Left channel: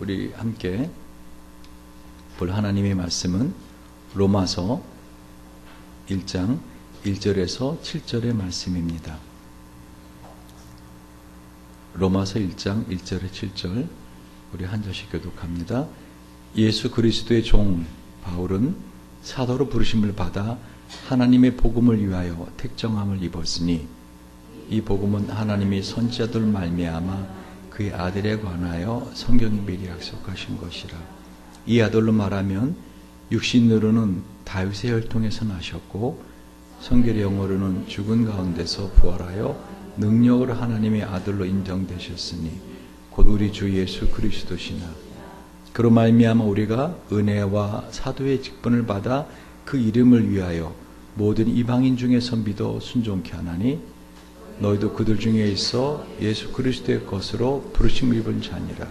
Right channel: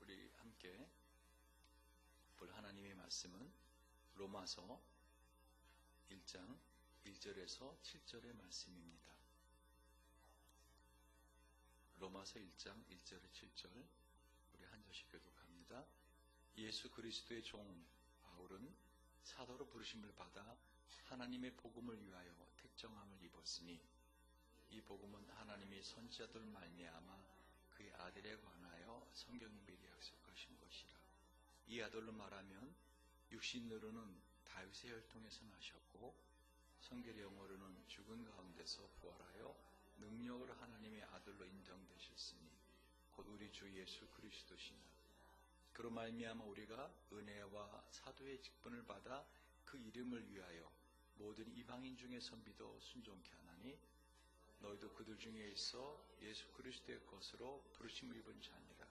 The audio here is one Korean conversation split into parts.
우리 함께 볼 하나님의 말씀은 로마서 1장 1절에서 7절의 말씀입니다. 로마서 1장 1절에 7절 우리 한 절씩 교독합니다. 예수 그리스도의 종 바울은 사도로 부르심을 받아 하나님의 복음을 위하여 택정함을 입었으니 이 복음은 하나님이 선지자들 말미암아 그의 아들에 관하여 성경이 미리 약속하신 것이라. 이 아들로 말하면 육신으로는 다윗의 혈통에서 나셨고 성결의 영어로는 죽은 가운데서 부활하여 능력으로 하나님의 아들로 인정되셨으니 곧 우리 주 예수 그리스도시나. 그로 말미암아 우리가 은혜와 사도의 직분을 받아 그 이름을 위하여 모든 이방인 중에서 믿어 순종케 하나니 너희도 그들 중에 있어 예수 그리스도의 것으로 부르심을 입은 자니라.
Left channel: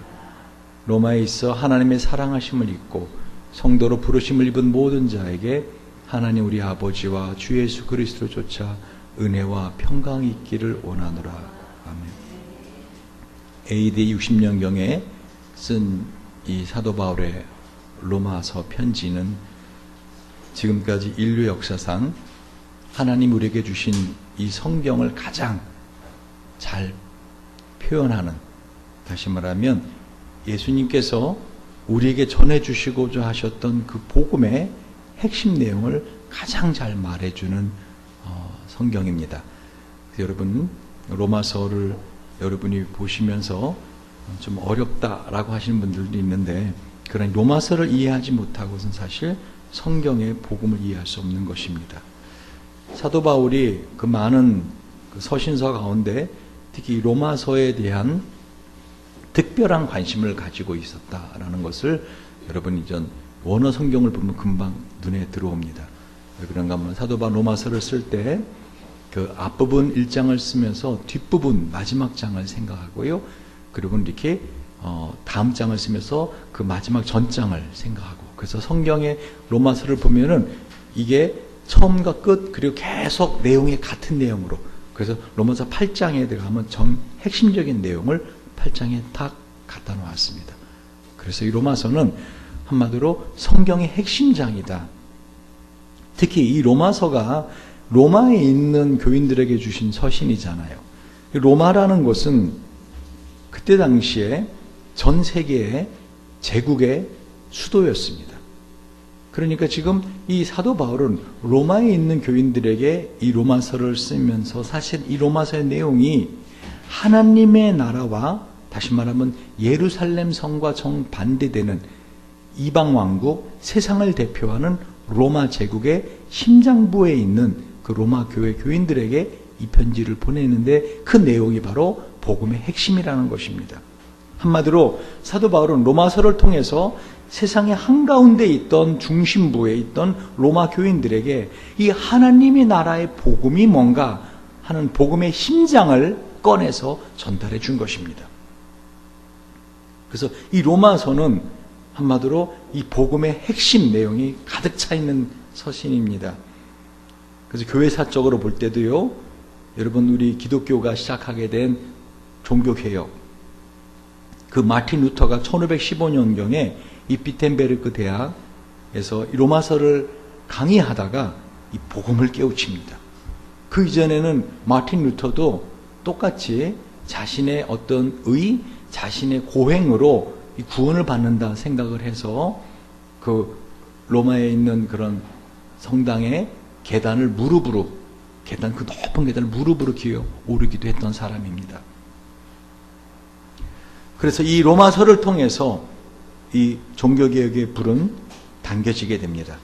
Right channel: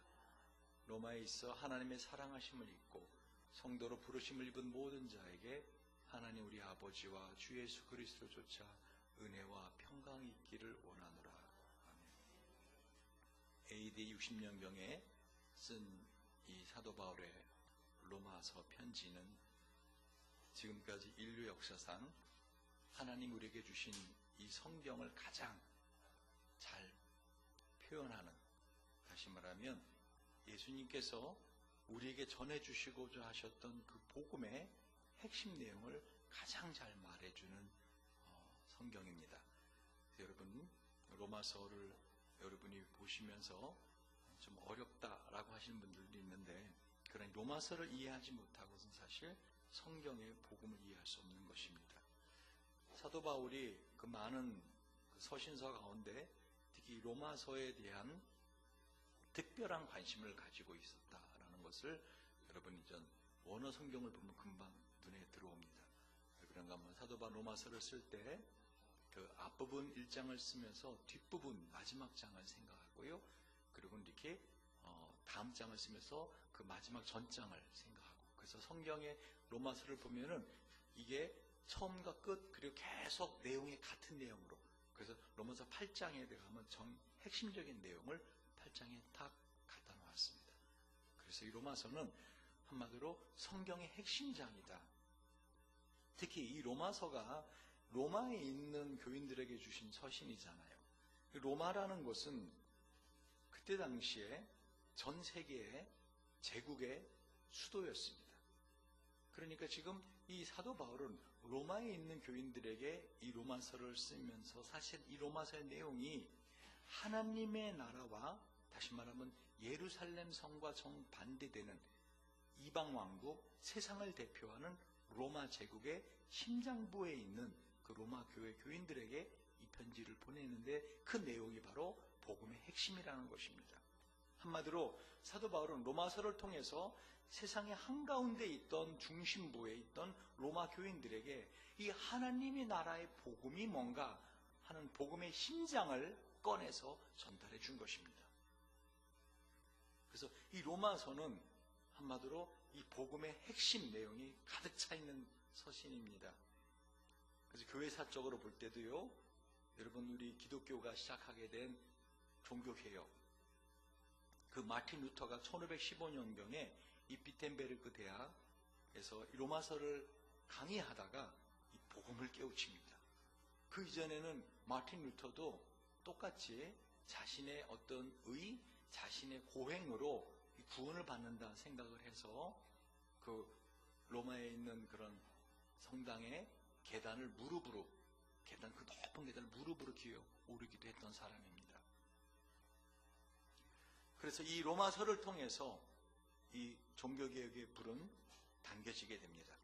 로마에 있어 하나님의 사랑하심을 입고 성도로 부르심을 입은 모든 자에게 하나님 우리 아버지와 주 예수 그리스도조차 은혜와 평강이 있기를 원하노라. 아멘. AD 60년경에 쓴 이 사도 바울의 로마서 편지는 지금까지 인류 역사상 하나님 우리에게 주신 이 성경을 가장 잘 표현하는, 다시 말하면 예수님께서 우리에게 전해주시고자 하셨던 그 복음의 핵심 내용을 가장 잘 말해주는 성경입니다. 여러분 로마서를 여러분이 보시면서 좀 어렵다라고 하시는 분들도 있는데, 그런 로마서를 이해하지 못하고는 사실 성경의 복음을 이해할 수 없는 것입니다. 사도 바울이 그 많은 그 서신서 가운데 특히 로마서에 대한 특별한 관심을 가지고 있었다라는 것을 여러분이 전 원어 성경을 보면 금방 눈에 들어옵니다. 왜 그런가 하면 사도 바울 로마서를 쓸 때 그 앞부분 1장을 쓰면서 뒷부분 마지막 장을 생각하고요. 그리고 이렇게 다음 장을 쓰면서 그 마지막 전장을 생각하고, 그래서 성경의 로마서를 보면은 이게 처음과 끝 그리고 계속 내용이 같은 내용으로, 그래서 로마서 8장에 들어가면 핵심적인 내용을 8장에 딱 갖다 놓았습니다. 그래서 이 로마서는 한마디로 성경의 핵심장이다. 특히 이 로마서가 로마에 있는 교인들에게 주신 서신이잖아요. 로마라는 곳은 그때 당시에 전 세계의 제국의 수도였습니다. 그러니까 지금 이 사도 바울은 로마에 있는 교인들에게 이 로마서를 쓰면서 사실 이 로마서의 내용이 하나님의 나라와, 다시 말하면 예루살렘 성과 정반대되는 이방 왕국, 세상을 대표하는 로마 제국의 심장부에 있는 그 로마 교회 교인들에게 이 편지를 보내는데, 그 내용이 바로 복음의 핵심이라는 것입니다. 한마디로 사도 바울은 로마서를 통해서 세상의 한가운데 있던 중심부에 있던 로마 교인들에게 이 하나님의 나라의 복음이 뭔가 하는 복음의 심장을 꺼내서 전달해 준 것입니다. 그래서 이 로마서는 한마디로 이 복음의 핵심 내용이 가득 차 있는 서신입니다. 그래서 교회사적으로 볼 때도요, 여러분 우리 기독교가 시작하게 된 종교개혁, 그 마틴 루터가 1515년경에 이 비텐베르크 대학에서 이 로마서를 강의하다가 이 복음을 깨우칩니다. 그 이전에는 마틴 루터도 똑같이 자신의 어떤 자신의 고행으로 이 구원을 받는다 생각을 해서 그 로마에 있는 그런 성당의 계단을 무릎으로, 그 높은 계단을 무릎으로 기어 오르기도 했던 사람입니다. 그래서 이 로마서를 통해서 이 종교개혁의 불은 당겨지게 됩니다.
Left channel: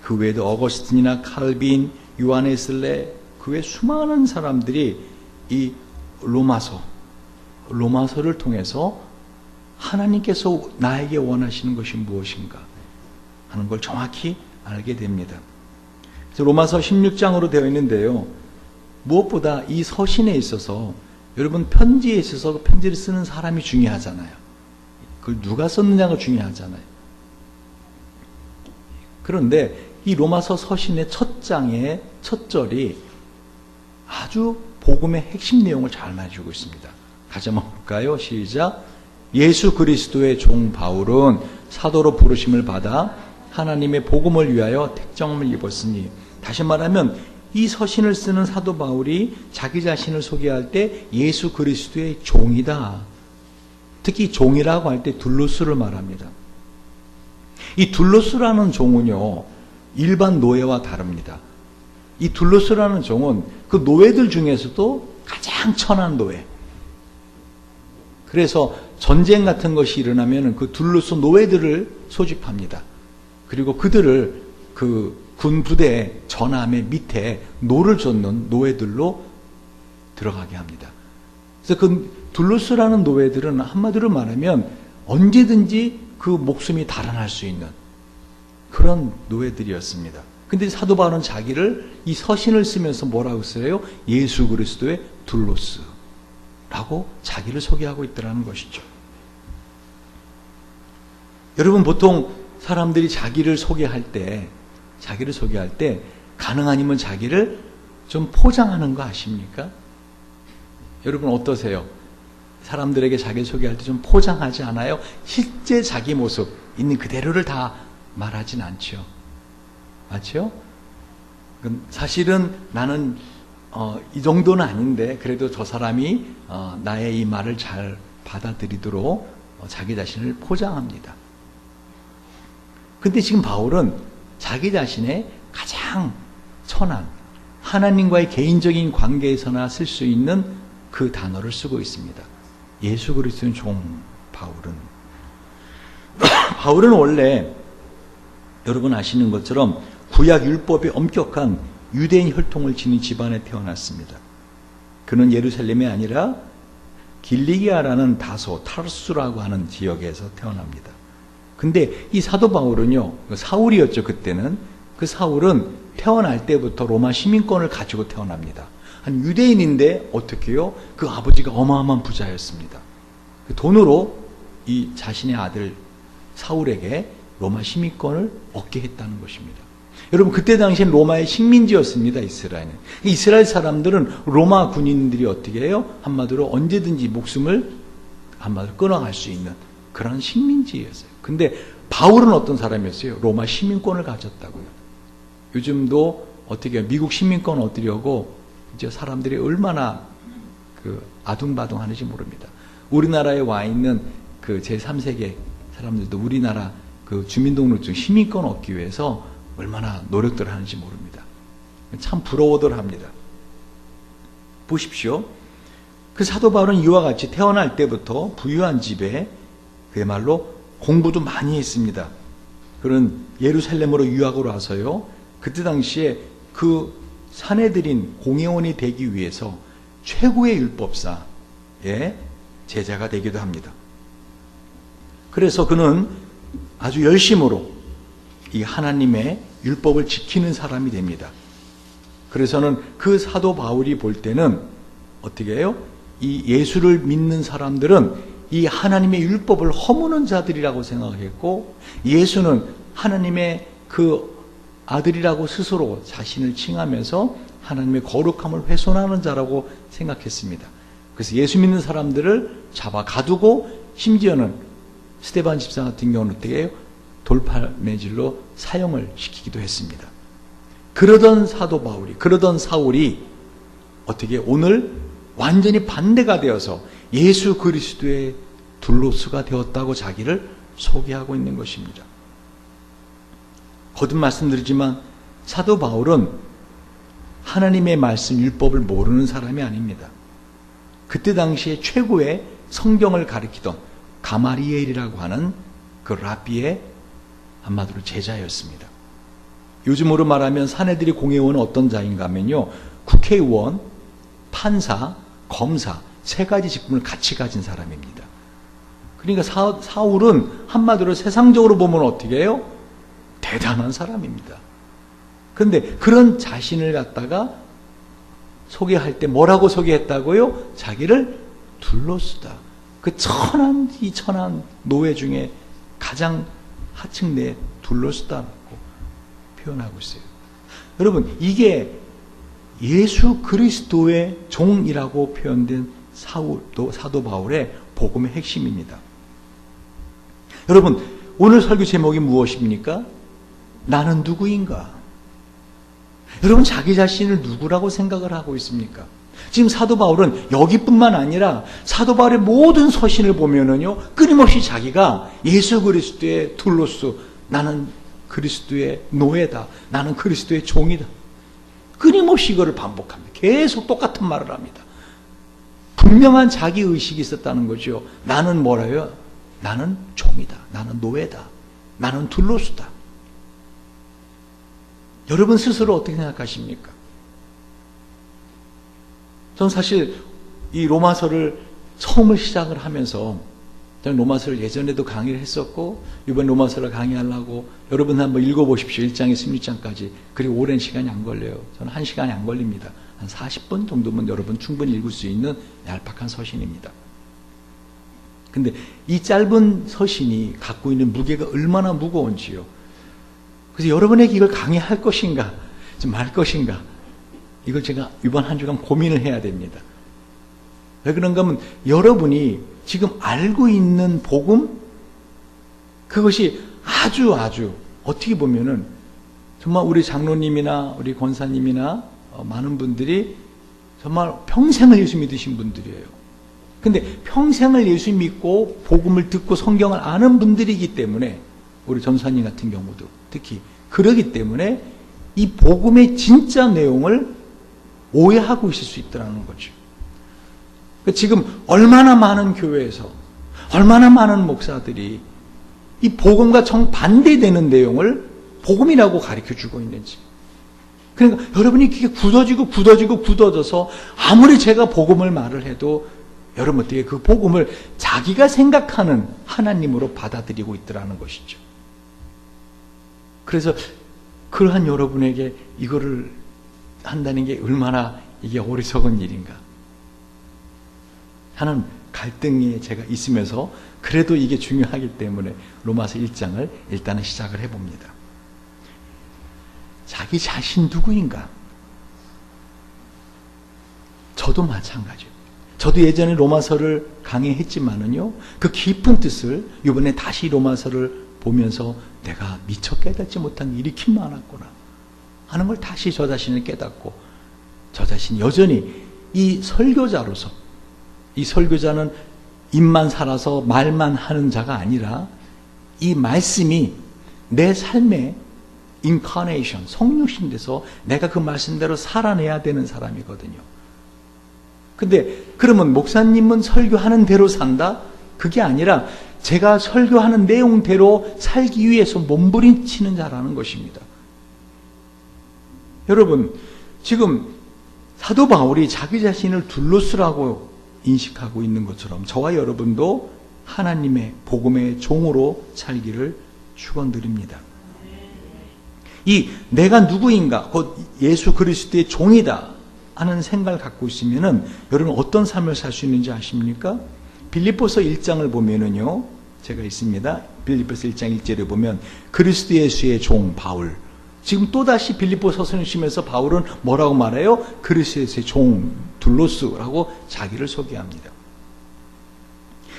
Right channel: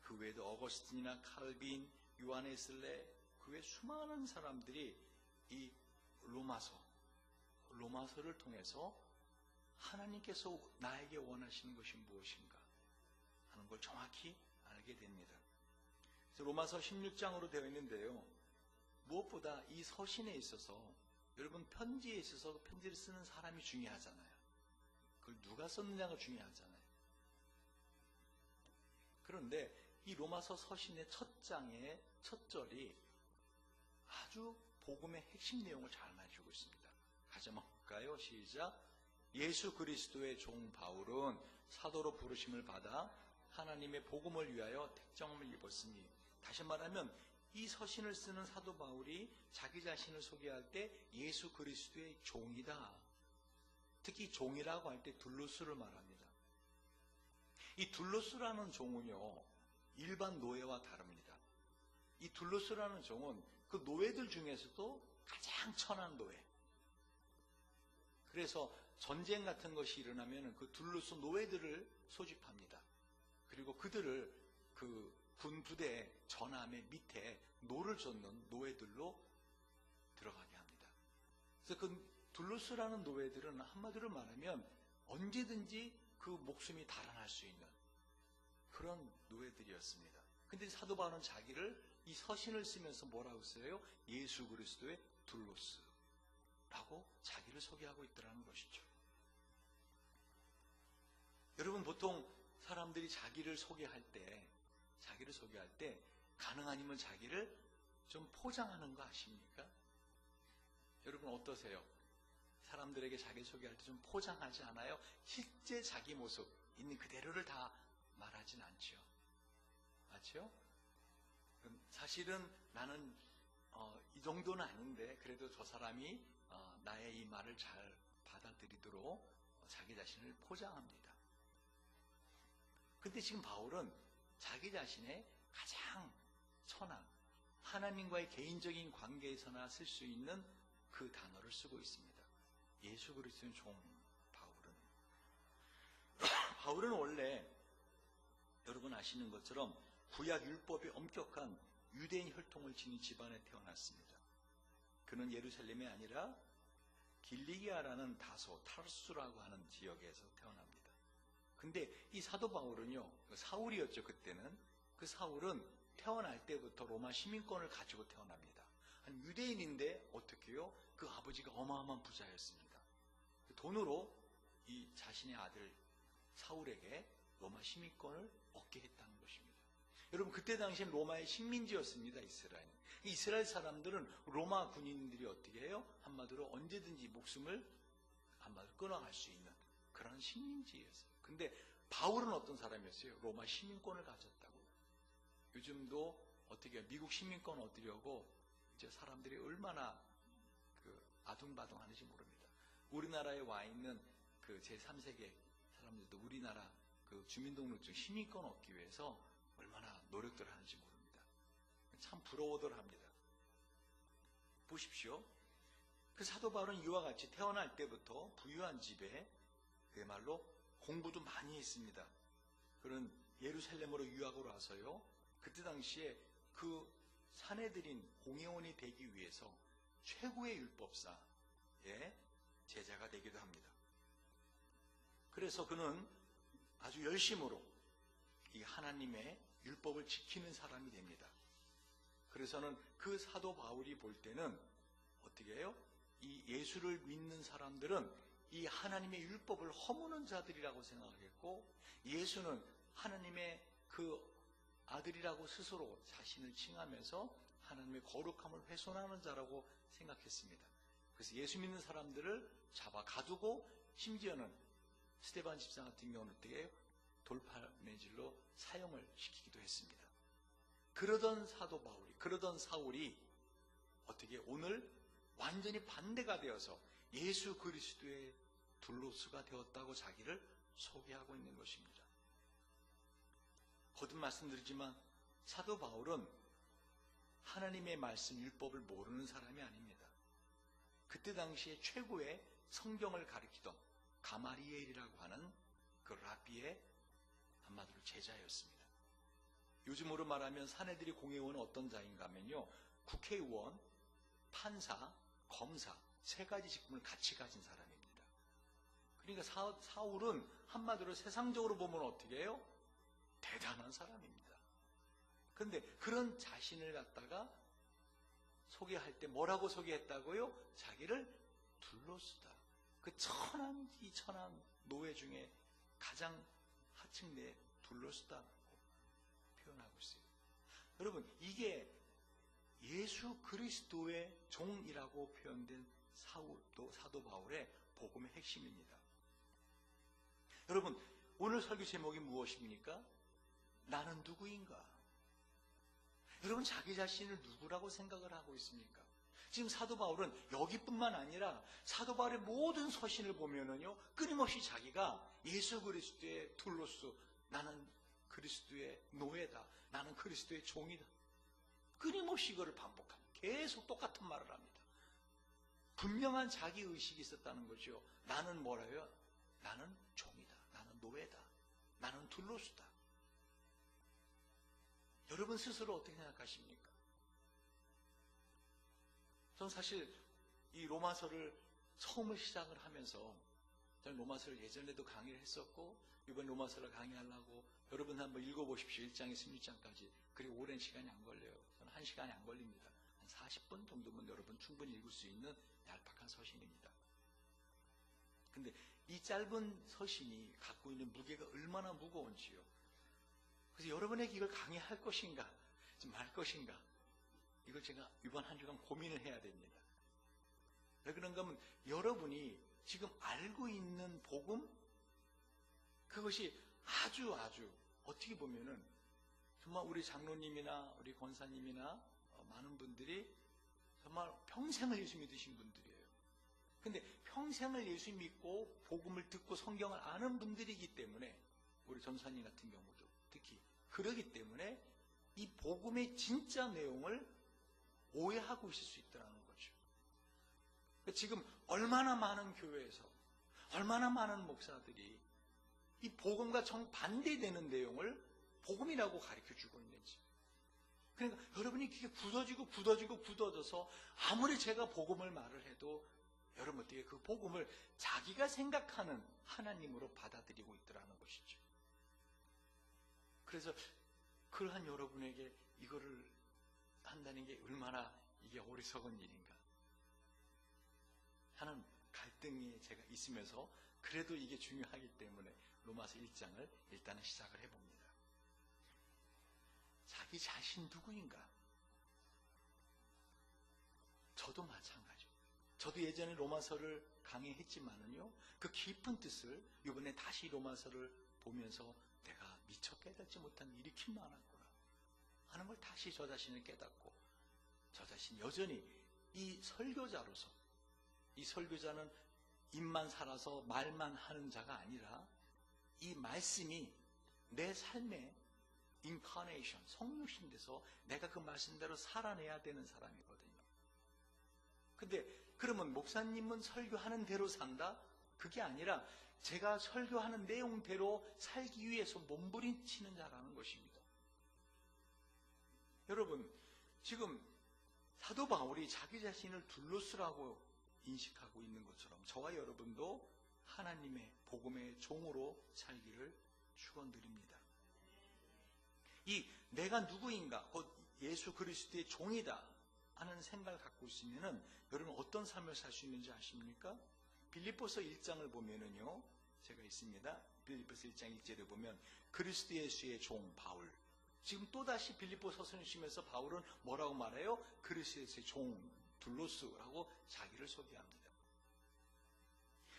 그 외에도 어거스틴이나 칼빈, 요하네슬레, 그 외 수많은 사람들이 이 로마서를 통해서 하나님께서 나에게 원하시는 것이 무엇인가 하는 걸 정확히 알게 됩니다. 그래서 로마서 16장으로 되어 있는데요, 무엇보다 이 서신에 있어서 여러분 편지에 있어서 편지를 쓰는 사람이 중요하잖아요. 그걸 누가 썼느냐가 중요하잖아요. 그런데 이 로마서 서신의 첫 장의 첫 절이 아주 복음의 핵심 내용을 잘 말해주고 있습니다. 같이 한번 볼까요? 시작. 예수 그리스도의 종 바울은 사도로 부르심을 받아 하나님의 복음을 위하여 택정을 입었으니, 다시 말하면 이 서신을 쓰는 사도 바울이 자기 자신을 소개할 때 예수 그리스도의 종이다. 특히 종이라고 할 때 둘로스를 말합니다. 이 둘로스라는 종은요, 일반 노예와 다릅니다. 이 둘로스라는 종은 그 노예들 중에서도 가장 천한 노예. 그래서 전쟁 같은 것이 일어나면 그 둘로스 노예들을 소집합니다. 그리고 그들을 그 군 부대의 전함의 밑에 노를 젓는 노예들로 들어가게 합니다. 그래서 그 둘로스라는 노예들은 한마디로 말하면 언제든지 그 목숨이 달아날 수 있는 그런 노예들이었습니다. 근데 사도 바울은 자기를 이 서신을 쓰면서 뭐라고 써요? 예수 그리스도의 둘로스라고 자기를 소개하고 있더라는 것이죠. 여러분, 보통 사람들이 자기를 소개할 때 가능하면 자기를 좀 포장하는 거 아십니까? 여러분 어떠세요? 사람들에게 자기 소개할 때 좀 포장하지 않아요? 실제 자기 모습 있는 그대로를 다 말하진 않죠. 맞죠? 사실은 나는 이 정도는 아닌데 그래도 저 사람이 나의 이 말을 잘 받아들이도록 자기 자신을 포장합니다. 근데 지금 바울은 자기 자신의 가장 천한 하나님과의 개인적인 관계에서나 쓸 수 있는 그 단어를 쓰고 있습니다. 예수 그리스도의 종 바울은 원래 여러분 아시는 것처럼 구약 율법의 엄격한 유대인 혈통을 지닌 집안에 태어났습니다. 그는 예루살렘이 아니라 길리기아라는 다소 타르수라고 하는 지역에서 태어납니다. 근데 이 사도 바울은요, 사울이었죠, 그때는. 그 사울은 태어날 때부터 로마 시민권을 가지고 태어납니다. 한 유대인인데 어떻게 해요? 그 아버지가 어마어마한 부자였습니다. 그 돈으로 이 자신의 아들 사울에게 로마 시민권을 얻게 했다는 것입니다. 여러분, 그때 당시엔 로마의 식민지였습니다, 이스라엘은. 이스라엘 사람들은 로마 군인들이 어떻게 해요? 한마디로 언제든지 목숨을 한마디로 끊어갈 수 있는 그런 식민지였어요. 근데 바울은 어떤 사람이었어요? 로마 시민권을 가졌다고요. 요즘도 어떻게 해요? 미국 시민권 얻으려고 이제 사람들이 얼마나 아둥바둥 하는지 모릅니다. 우리나라에 와 있는 그 제3세계 사람들도 우리나라 그 주민등록증 시민권 얻기 위해서 얼마나 노력들 하는지 모릅니다. 참 부러워들 합니다. 보십시오. 그 사도 바울은 이와 같이 태어날 때부터 부유한 집에 그야말로 공부도 많이 했습니다. 그런 예루살렘으로 유학을 와서요, 그때 당시에 그 사내들인 공회원이 되기 위해서 최고의 율법사의 제자가 되기도 합니다. 그래서 그는 아주 열심으로 이 하나님의 율법을 지키는 사람이 됩니다. 그래서는 그 사도 바울이 볼 때는 어떻게 해요? 이 예수를 믿는 사람들은 이 하나님의 율법을 허무는 자들이라고 생각했고, 예수는 하나님의 그 아들이라고 스스로 자신을 칭하면서 하나님의 거룩함을 훼손하는 자라고 생각했습니다. 그래서 예수 믿는 사람들을 잡아 가두고, 심지어는 스데반 집사 같은 경우는 어떻게 해요? 돌팔매질로 사형을 시키기도 했습니다. 그러던 사울이 어떻게 오늘 완전히 반대가 되어서 예수 그리스도의 둘로스가 되었다고 자기를 소개하고 있는 것입니다. 거듭 말씀드리지만 사도 바울은 하나님의 말씀 율법을 모르는 사람이 아닙니다. 그때 당시에 최고의 성경을 가르치던 가마리엘이라고 하는 그 랍비의 한마디로 제자였습니다. 요즘으로 말하면 사내들이 공회원은 어떤 자인가 하면요, 국회의원, 판사, 검사 세 가지 직분을 같이 가진 사람입니다. 그러니까 사울은 한마디로 세상적으로 보면 어떻게 해요? 대단한 사람입니다. 그런데 그런 자신을 갖다가 소개할 때 뭐라고 소개했다고요? 자기를 둘로스다. 그 천한 노예 중에 가장 하층내 둘로스다라고 표현하고 있어요. 여러분, 이게 예수 그리스도의 종이라고 표현된 사도 바울의 복음의 핵심입니다. 여러분, 오늘 설교 제목이 무엇입니까? 나는 누구인가? 여러분, 자기 자신을 누구라고 생각을 하고 있습니까? 지금 사도 바울은 여기뿐만 아니라 사도 바울의 모든 서신을 보면은요, 끊임없이 자기가 예수 그리스도의 둘로스, 나는 그리스도의 노예다, 나는 그리스도의 종이다, 끊임없이 이거를 반복합니다. 계속 똑같은 말을 합니다. 분명한 자기 의식이 있었다는 거죠. 나는 뭐라요? 나는 종이다, 나는 노예다, 나는 둘로스다. 여러분 스스로 어떻게 생각하십니까? 전 사실 이 로마서를 처음을 시작을 하면서, 저는 로마서를 예전에도 강의를 했었고 이번 로마서를 강의하려고, 여러분 한번 읽어보십시오. 1장에 16장까지. 그리고 오랜 시간이 안 걸려요. 저는 1시간이 안 걸립니다. 한 40분 정도면 여러분 충분히 읽을 수 있는 얄팍한 서신입니다. 근데 이 짧은 서신이 갖고 있는 무게가 얼마나 무거운지요. 그래서 여러분에게 이걸 강의할 것인가, 좀 말 것인가, 이걸 제가 이번 한 주간 고민을 해야 됩니다. 왜 그런가 하면, 여러분이 지금 알고 있는 복음, 그것이 아주 어떻게 보면은 정말 우리 장로님이나 우리 권사님이나 많은 분들이 정말 평생을 예수 믿으신 분들이에요. 근데 평생을 예수 믿고 복음을 듣고 성경을 아는 분들이기 때문에, 우리 전사님 같은 경우도 특히 그러기 때문에 이 복음의 진짜 내용을 오해하고 있을 수 있다는 거죠. 지금 얼마나 많은 교회에서 얼마나 많은 목사들이 이 복음과 정반대되는 내용을 복음이라고 가르쳐주고 있는지. 그러니까 여러분이 그게 굳어져서 아무리 제가 복음을 말을 해도 여러분 어떻게 그 복음을 자기가 생각하는 하나님으로 받아들이고 있더라는 것이죠. 그래서 그러한 여러분에게 이거를 한다는 게 얼마나 이게 어리석은 일인가 하는 갈등이 제가 있으면서, 그래도 이게 중요하기 때문에 로마서 1장을 일단은 시작을 해봅니다. 자기 자신 누구인가? 저도 마찬가지예요. 저도 예전에 로마서를 강의했지만은요, 그 깊은 뜻을 이번에 다시 로마서를 보면서 내가 미처 깨닫지 못한 일이 참 많았구나 하는 걸 다시 저 자신을 깨닫고, 저 자신이 여전히 이 설교자로서, 이 설교자는 입만 살아서 말만 하는 자가 아니라 이 말씀이 내 삶의 인카네이션, 성육신 돼서 내가 그 말씀대로 살아내야 되는 사람이거든요. 근데 그러면 목사님은 설교하는 대로 산다? 그게 아니라 제가 설교하는 내용대로 살기 위해서 몸부림치는 자라는 것입니다. 여러분, 지금 사도 바울이 자기 자신을 둘로스라고 인식하고 있는 것처럼 저와 여러분도 하나님의 복음의 종으로 살기를 축원드립니다. 이 내가 누구인가, 곧 예수 그리스도의 종이다 하는 생각을 갖고 있으면은 여러분 어떤 삶을 살 수 있는지 아십니까? 빌립보서 1장을 보면은요, 제가 있습니다. 빌립보서 1장 1절에 보면 그리스도 예수의 종 바울. 지금 또다시 빌립보서 서신을 바울은 뭐라고 말해요? 그리스도 예수의 종 둘로스라고 자기를 소개합니다.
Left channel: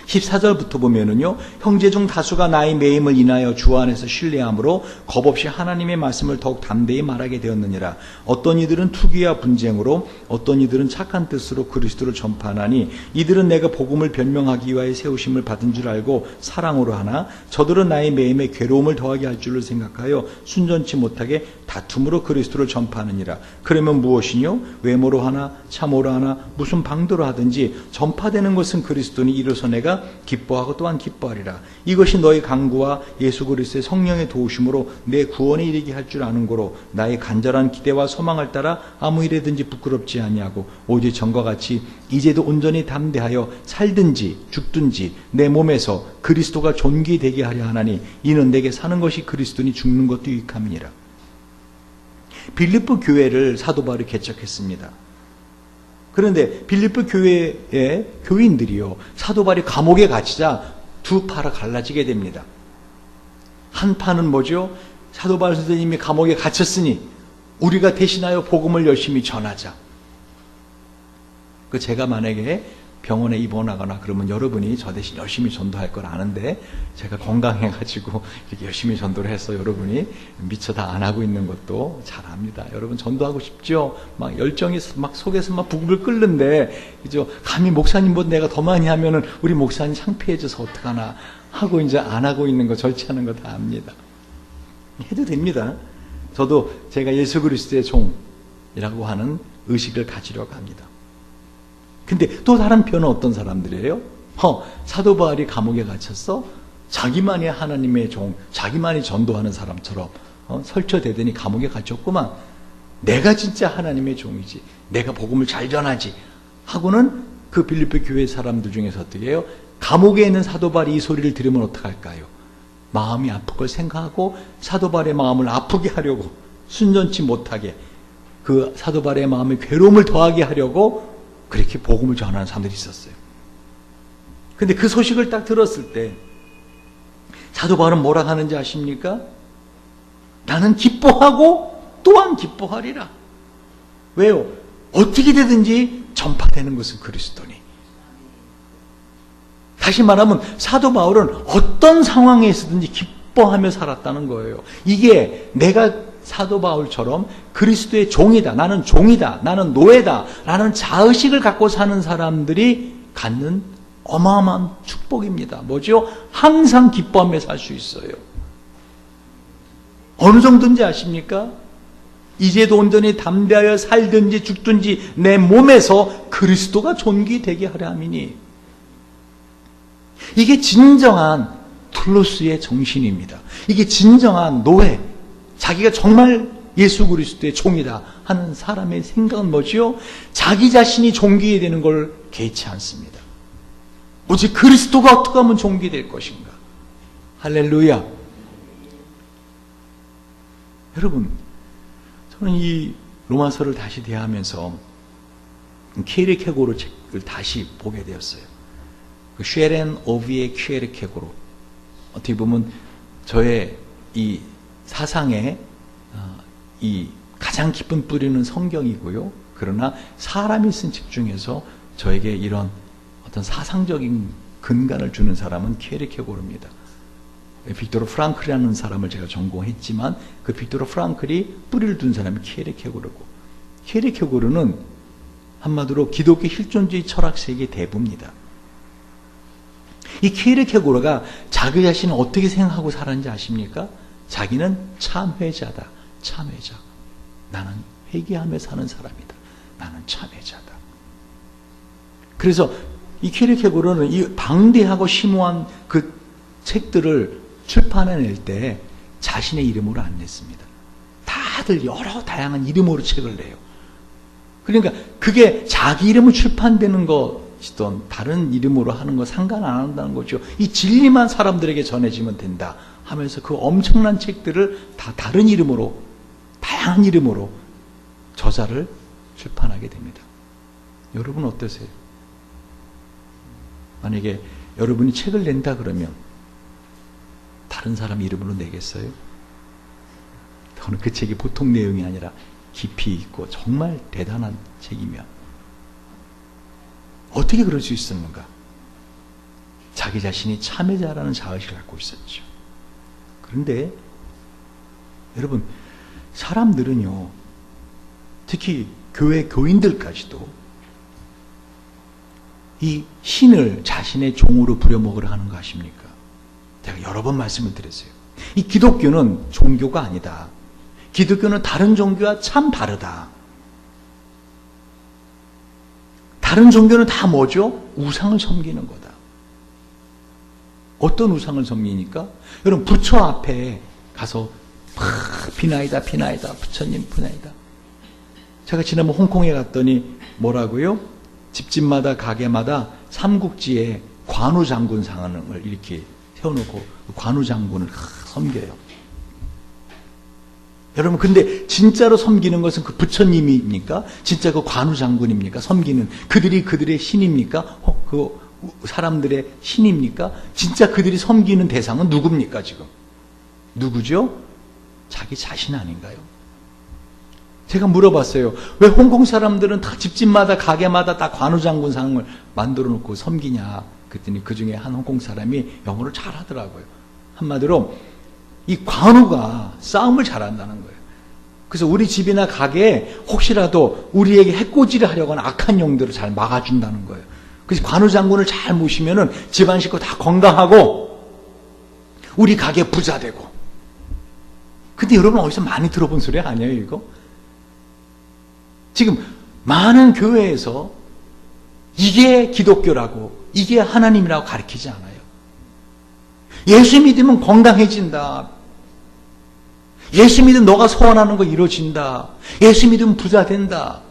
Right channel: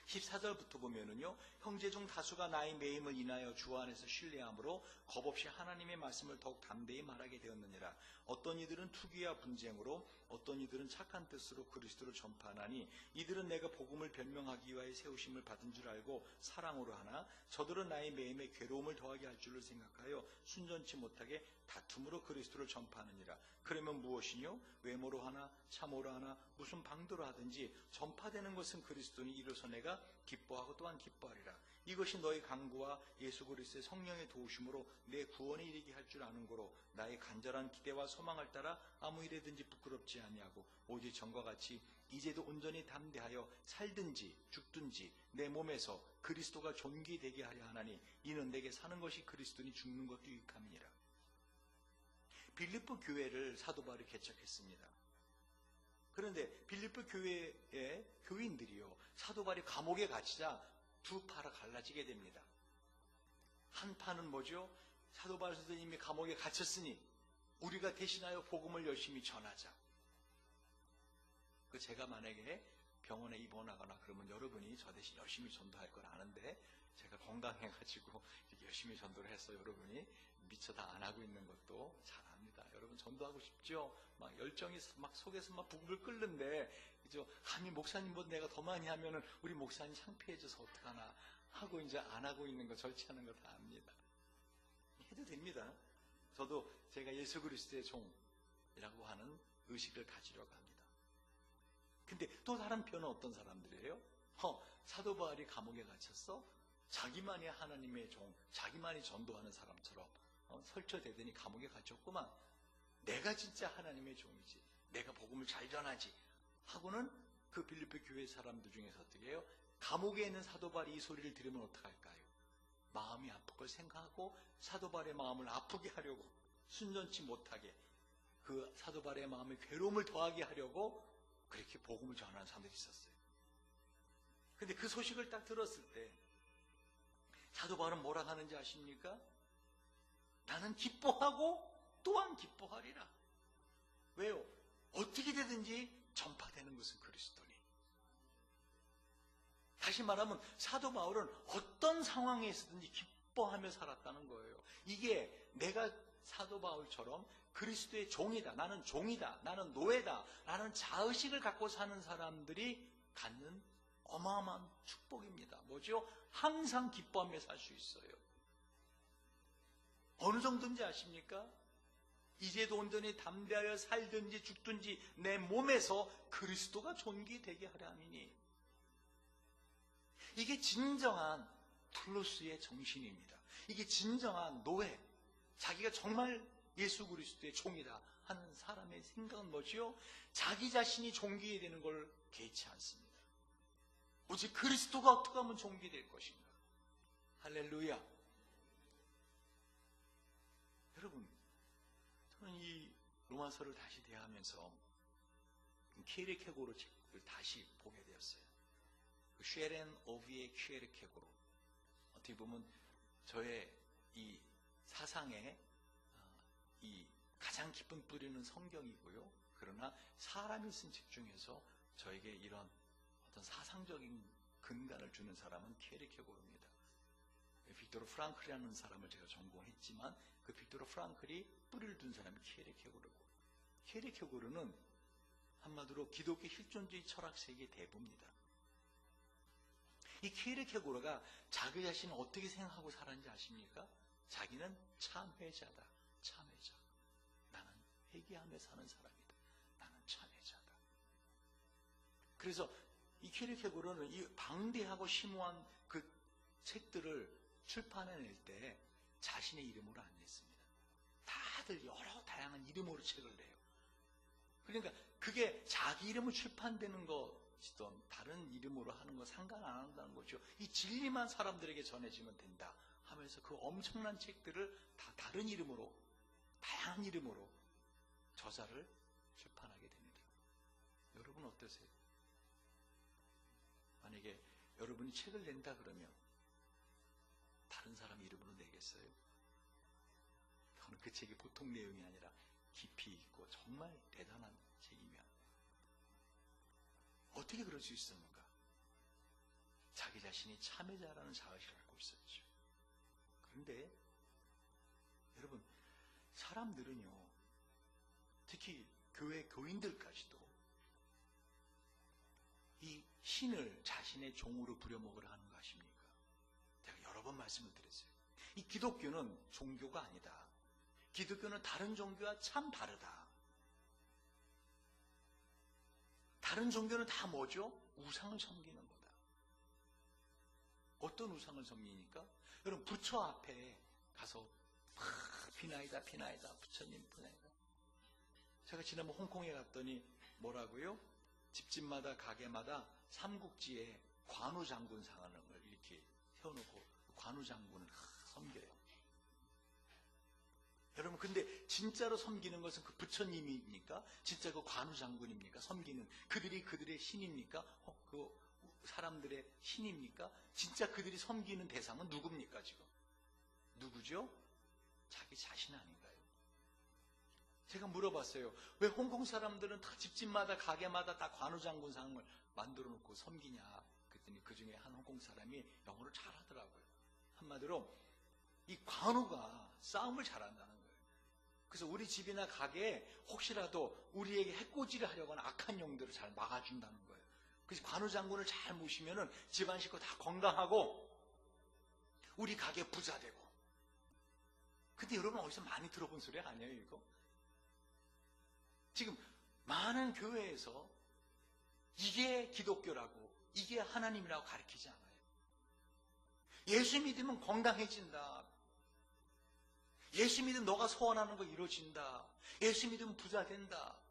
14절부터 보면은요, 형제 중 다수가 나의 매임을 인하여 주 안에서 신뢰함으로 겁없이 하나님의 말씀을 더욱 담대히 말하게 되었느니라. 어떤 이들은 투기와 분쟁으로, 어떤 이들은 착한 뜻으로 그리스도를 전파하나니, 이들은 내가 복음을 변명하기 위하여 세우심을 받은 줄 알고 사랑으로 하나, 저들은 나의 매임에 괴로움을 더하게 할 줄을 생각하여 순전치 못하게 다툼으로 그리스도를 전파하느니라. 그러면 무엇이뇨? 외모로 하나, 참으로 하나, 무슨 방도로 하든지 전파되는 것은 그리스도니, 이로써 내가 기뻐하고 또한 기뻐하리라. 이것이 너의 강구와 예수 그리스도의 성령의 도우심으로 내 구원에 이르게 할 줄 아는 거로, 나의 간절한 기대와 소망을 따라 아무 일에든지 부끄럽지 아니하고 오직 전과 같이 이제도 온전히 담대하여 살든지 죽든지 내 몸에서 그리스도가 존귀되게 하려 하나니, 이는 내게 사는 것이 그리스도니 죽는 것도 유익함이니라. 빌립보 교회를 사도 바울이 개척했습니다. 그런데 빌립보 교회의 교인들이요, 사도 바울이 감옥에 갇히자 두 파로 갈라지게 됩니다. 한 파는 뭐죠? 사도 바울 선생님이 감옥에 갇혔으니 우리가 대신하여 복음을 열심히 전하자. 제가 만약에 병원에 입원하거나 그러면 여러분이 저 대신 열심히 전도할 걸 아는데 제가 건강해가지고 이렇게 열심히 전도를 해서 여러분이 미처 다 안 하고 있는 것도 잘 압니다. 여러분 전도하고 싶죠? 막 열정이 막 속에서 막 부글부글 끓는데 그죠? 감히 목사님보다 내가 더 많이 하면은 우리 목사님 창피해져서 어떡하나 하고 이제 안 하고 있는 거 절제하는 거 다 압니다. 해도 됩니다. 저도 제가 예수 그리스도의 종이라고 하는 의식을 가지려고 합니다. 근데 또 다른 편은 어떤 사람들이에요? 사도 바울이 감옥에 갇혔어? 자기만이 하나님의 종, 자기만이 전도하는 사람처럼 설쳐대더니 감옥에 갇혔구만. 내가 진짜 하나님의 종이지. 내가 복음을 잘 전하지. 하고는 그 빌립보 교회 사람들 중에서 어떻게 해요? 감옥에 있는 사도 바울이 이 소리를 들으면 어떡할까요? 마음이 아플 걸 생각하고 사도 바울의 마음을 아프게 하려고 순전치 못하게 그 사도 바울의 마음에 괴로움을 더하게 하려고 그렇게 복음을 전하는 사람들이 있었어요. 근데 그 소식을 딱 들었을 때 사도 바울은 뭐라 하는지 아십니까? 나는 기뻐하고 또한 기뻐하리라. 왜요? 어떻게 되든지 전파되는 것은 그리스도니. 다시 말하면 사도 바울은 어떤 상황에 있었든지 기뻐하며 살았다는 거예요. 이게 내가 사도 바울처럼 그리스도의 종이다, 나는 종이다, 나는 노예다 라는 자의식을 갖고 사는 사람들이 갖는 어마어마한 축복입니다. 뭐죠? 항상 기뻐하며 살 수 있어요. 어느 정도인지 아십니까? 이제도 온전히 담대하여 살든지 죽든지 내 몸에서 그리스도가 존귀되게 하려 함이니. 이게 진정한 툴로스의 정신입니다. 이게 진정한 노예, 자기가 정말 예수 그리스도의 종이다 하는 사람의 생각은 뭐지요? 자기 자신이 존귀해야 되는 걸 개의치 않습니다. 오직 그리스도가 어떻게 하면 존귀될 것인가. 할렐루야. 여러분, 저는 이 로마서를 다시 대하면서 키에르케고르 책을 다시 보게 되었어요. 그 쉐렌 오비의 키에르케고르. 어떻게 보면 저의 이 사상의 이 가장 깊은 뿌리는 성경이고요. 그러나 사람이 쓴 책 중에서 저에게 이런 어떤 사상적인 근간을 주는 사람은 키에르케고르입니다. 빅토르 프랑클이라는 사람을 제가 전공했지만 그 빅토르 프랑클이 뿌리를 둔 사람이 키에르케고르고, 키에르케고르는 한마디로 기독교 실존주의 철학 세계의 대부입니다. 이 키에르케고르가 자기 자신을 어떻게 생각하고 살았는지 아십니까? 자기는 참회자다. 참회자. 나는 회개하며 사는 사람이다. 나는 참회자다. 그래서 이 키에르케고르는 이 방대하고 심오한 그 책들을 출판해낼 때 자신의 이름으로 안 냈습니다. 다들 여러 다양한 이름으로 책을 내요. 그러니까 그게 자기 이름으로 출판되는 것이든 다른 이름으로 하는 거 상관 안 한다는 거죠. 이 진리만 사람들에게 전해지면 된다 하면서 그 엄청난 책들을 다 다른 이름으로, 다양한 이름으로 저자를 출판하게 됩니다. 여러분 어떠세요? 만약에 여러분이 책을 낸다 그러면 다른 사람 이름으로 내겠어요? 저는 그 책이 보통 내용이 아니라 깊이 있고 정말 대단한 책이면 어떻게 그럴 수 있었는가? 자기 자신이 참회자라는 자의식을 갖고 있었죠. 그런데 여러분, 사람들은요, 특히 교회 교인들까지도 이 신을 자신의 종으로 부려먹으려 하는 거 아십니까? 제가 여러 번 말씀을 드렸어요. 이 기독교는 종교가 아니다. 기독교는 다른 종교와 참 다르다. 다른 종교는 다 뭐죠? 우상을 섬기는 거다. 어떤 우상을 섬기니까? 여러분, 부처 앞에 가서 막 비나이다, 비나이다, 부처님 비나이다. 제가 지난번 홍콩에 갔더니 뭐라고요? 집집마다 가게마다 삼국지에 관우장군 상을 이렇게 세워놓고 관우장군을 섬겨요. 여러분, 근데 진짜로 섬기는 것은 그 부처님입니까? 진짜 그 관우장군입니까? 섬기는 그들이 그들의 신입니까? 그 사람들의 신입니까? 진짜 그들이 섬기는 대상은 누굽니까 지금? 누구죠? 자기 자신 아닌가요? 제가 물어봤어요. 왜 홍콩 사람들은 다 집집마다 가게마다 다 관우장군 상을 만들어 놓고 섬기냐 그랬더니 그 중에 한 홍콩 사람이 영어를 잘하더라고요. 한마디로 이 관우가 싸움을 잘한다는 거예요. 그래서 우리 집이나 가게에 혹시라도 우리에게 해코지를 하려거나 악한 영들을 잘 막아준다는 거예요. 그래서 관우 장군을 잘 모시면은 집안 식구 다 건강하고 우리 가게 부자 되고. 근데 여러분 어디서 많이 들어본 소리 아니에요, 이거? 지금 많은 교회에서 이게 기독교라고, 이게 하나님이라고 가르치지 않아요. 예수 믿으면 건강해진다. 예수 믿으면 너가 소원하는 거 이루어진다. 예수 믿으면 부자 된다.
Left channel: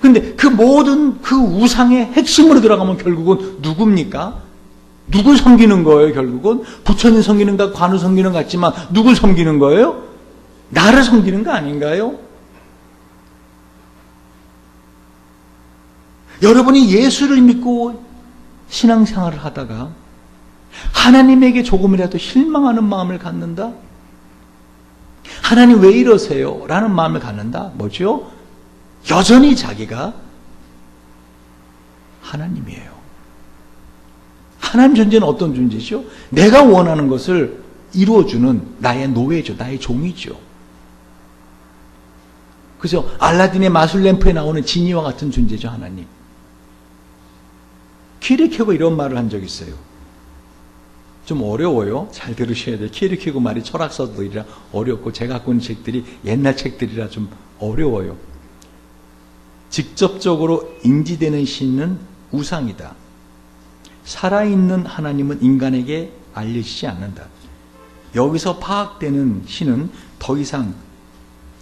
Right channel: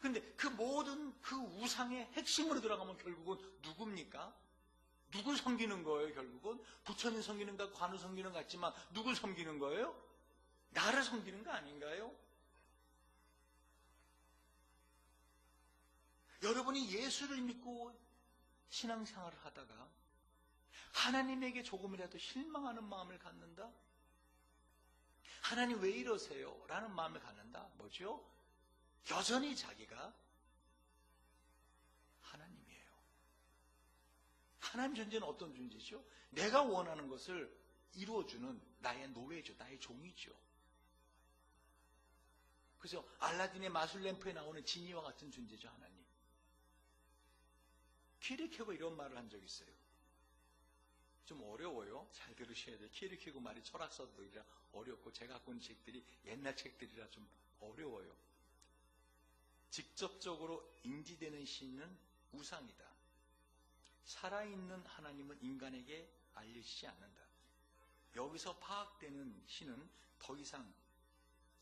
근데 그 모든 그 우상의 핵심으로 들어가면 결국은 누굽니까? 누굴 섬기는 거예요, 결국은? 부처님 섬기는가, 관우 섬기는 것 같지만 누굴 섬기는 거예요? 나를 섬기는 거 아닌가요? 여러분이 예수를 믿고 신앙생활을 하다가 하나님에게 조금이라도 실망하는 마음을 갖는다? 하나님 왜 이러세요? 라는 마음을 갖는다? 뭐죠? 여전히 자기가 하나님이에요. 하나님 존재는 어떤 존재죠? 내가 원하는 것을 이루어주는 나의 노예죠. 나의 종이죠. 그죠? 알라딘의 마술 램프에 나오는 지니와 같은 존재죠, 하나님. 키르케고 이런 말을 한 적이 있어요. 좀 어려워요. 잘 들으셔야 돼요. 키르케고 말이 철학서들이라 어렵고 제가 갖고 있는 책들이 옛날 책들이라 좀 어려워요. 직접적으로 인지되는 신은 우상이다. 살아있는 하나님은 인간에게 알려지지 않는다. 여기서 파악되는 신은 더 이상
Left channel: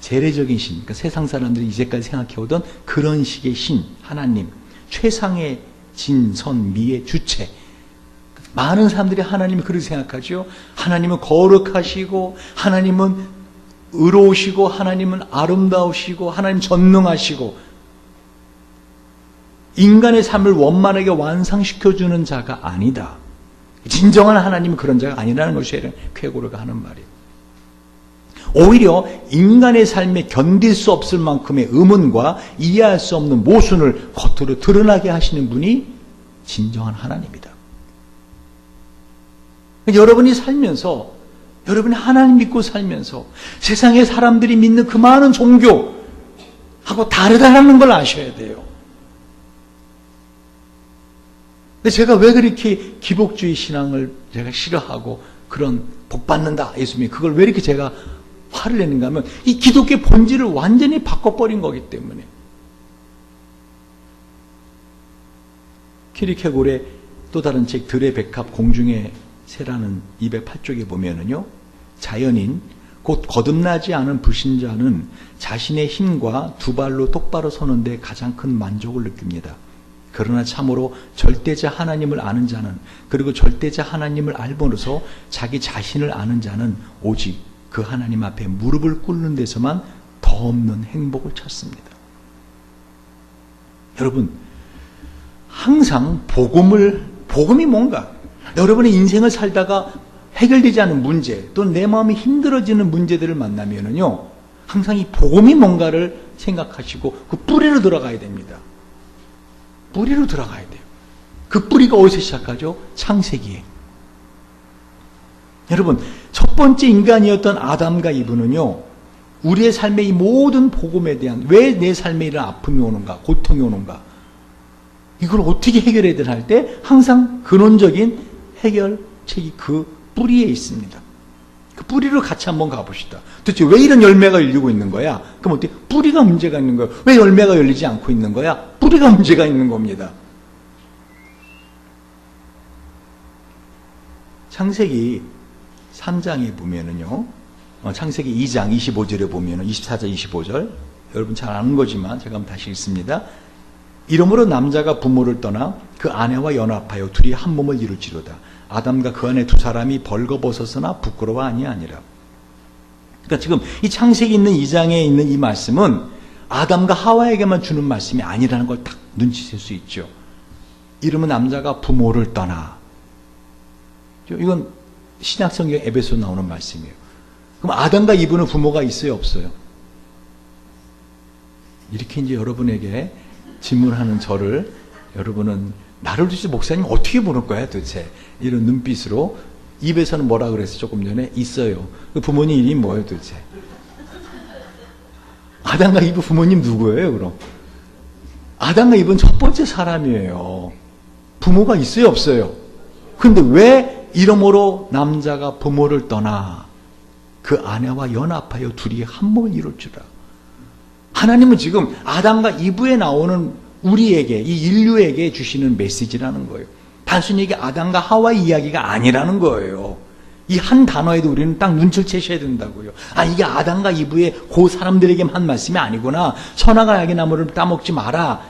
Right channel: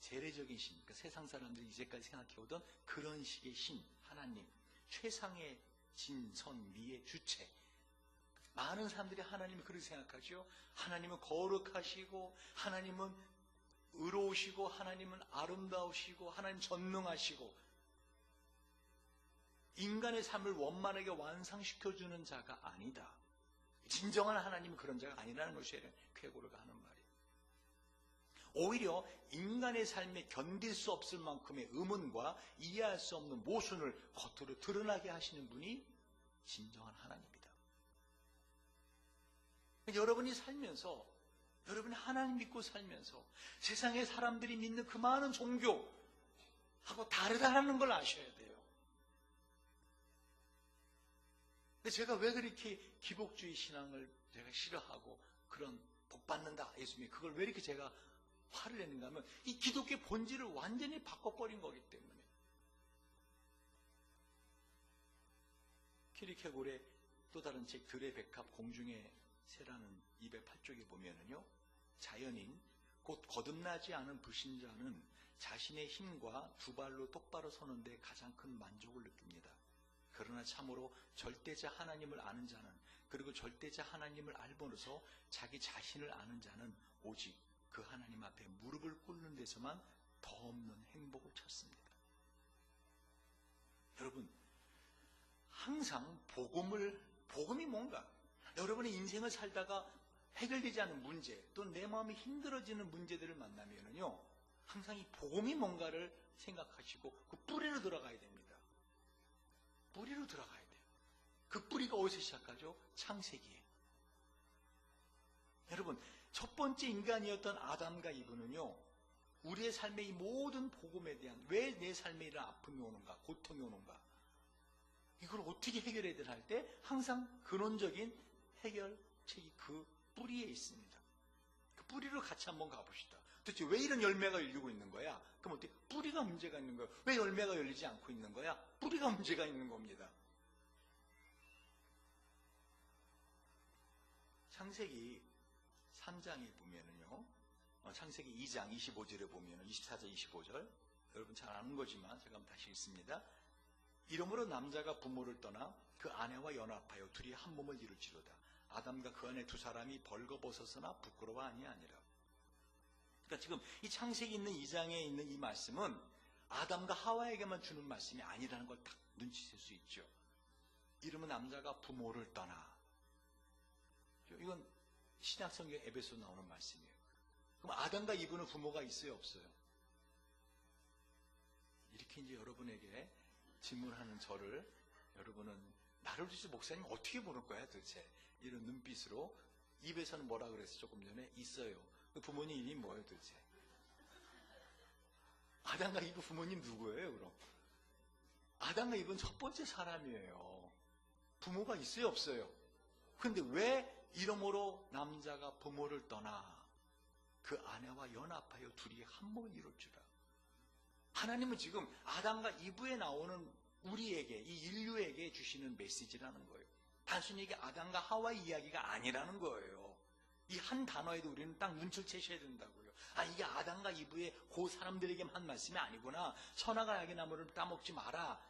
재래적인 신, 그러니까 세상 사람들이 이제까지 생각해오던 그런 식의 신, 하나님, 최상의 진, 선, 미의 주체. 많은 사람들이 하나님을 그렇게 생각하죠. 하나님은 거룩하시고, 하나님은 의로우시고, 하나님은 아름다우시고, 하나님 전능하시고, 인간의 삶을 원만하게 완성시켜주는 자가 아니다. 진정한 하나님은 그런 자가 아니라는 것이 쾌고르가 하는 말이에요. 오히려 인간의 삶에 견딜 수 없을 만큼의 의문과 이해할 수 없는 모순을 겉으로 드러나게 하시는 분이 진정한 하나님이다. 여러분이 살면서, 여러분이 하나님 믿고 살면서 세상의 사람들이 믿는 그 많은 종교하고 다르다는 걸 아셔야 돼요. 근데 제가 왜 그렇게 기복주의 신앙을 제가 싫어하고 그런 복받는다, 예수님이 그걸 왜 이렇게 제가 화를 내는가 하면 이 기독교의 본질을 완전히 바꿔버린 거기 때문에. 키르케고르의 또 다른 책 들의 백합 공중의 새라는 208쪽에 보면은요, 자연인 곧 거듭나지 않은 불신자는 자신의 힘과 두 발로 똑바로 서는 데 가장 큰 만족을 느낍니다. 그러나 참으로 절대자 하나님을 아는 자는, 그리고 절대자 하나님을 알므로써 자기 자신을 아는 자는 오직 그 하나님 앞에 무릎을 꿇는 데서만 더 없는 행복을 찾습니다. 여러분, 항상 복음이 뭔가, 여러분의 인생을 살다가 해결되지 않은 문제, 또는 내 마음이 힘들어지는 문제들을 만나면은요, 항상 이 복음이 뭔가를 생각하시고 그 뿌리로 들어가야 됩니다. 뿌리로 들어가야 돼요. 그 뿌리가 어디서 시작하죠? 창세기에. 여러분, 첫 번째 인간이었던 아담과 이브는요, 우리의 삶의 이 모든 복음에 대한, 왜 내 삶에 이런 아픔이 오는가, 고통이 오는가, 이걸 어떻게 해결해야 되나 할 때 항상 근원적인 해결책이 그 뿌리에 있습니다. 그 뿌리로 같이 한번 가봅시다. 도대체 왜 이런 열매가 열리고 있는 거야? 그럼 어떻게? 뿌리가 문제가 있는 거야. 왜 열매가 열리지 않고 있는 거야? 뿌리가 문제가 있는 겁니다. 창세기 3장에 보면은요, 창세기 2장 25절에 보면은 24절 25절, 여러분 잘 아는 거지만 제가 한번 다시 읽습니다. 이러므로 남자가 부모를 떠나 그 아내와 연합하여 둘이 한 몸을 이룰지로다. 아담과 그 안에 두 사람이 벌거벗었으나 부끄러워 아니하니라. 그러니까 지금 이 창세기 있는 2장에 있는 이 말씀은 아담과 하와에게만 주는 말씀이 아니라는 걸 딱 눈치챌 수 있죠. 이러면 남자가 부모를 떠나. 이건 신약성경 에베소 나오는 말씀이에요. 그럼 아담과 이브는 부모가 있어요, 없어요? 이렇게 이제 여러분에게 질문하는 저를 여러분은 나를 도대체 목사님 어떻게 보는 거야 도대체? 이런 눈빛으로 입에서는 뭐라 그랬어 조금 전에? 있어요. 그 부모님 이름이 뭐예요 도대체? 아담과 이브 부모님 누구예요 그럼? 아담과 이브는 첫 번째 사람이에요. 부모가 있어요 없어요? 근데 왜 이러므로 남자가 부모를 떠나 그 아내와 연합하여 둘이 한 몸을 이룰 줄아. 하나님은 지금 아담과 이브에 나오는 우리에게, 이 인류에게 주시는 메시지라는 거예요. 단순히 이게 아담과 하와의 이야기가 아니라는 거예요. 이 한 단어에도 우리는 딱 눈치를 채셔야 된다고요. 아, 이게 아담과 이브의 그 사람들에게만 한 말씀이 아니구나. 선악과 악의 나무를 따먹지 마라.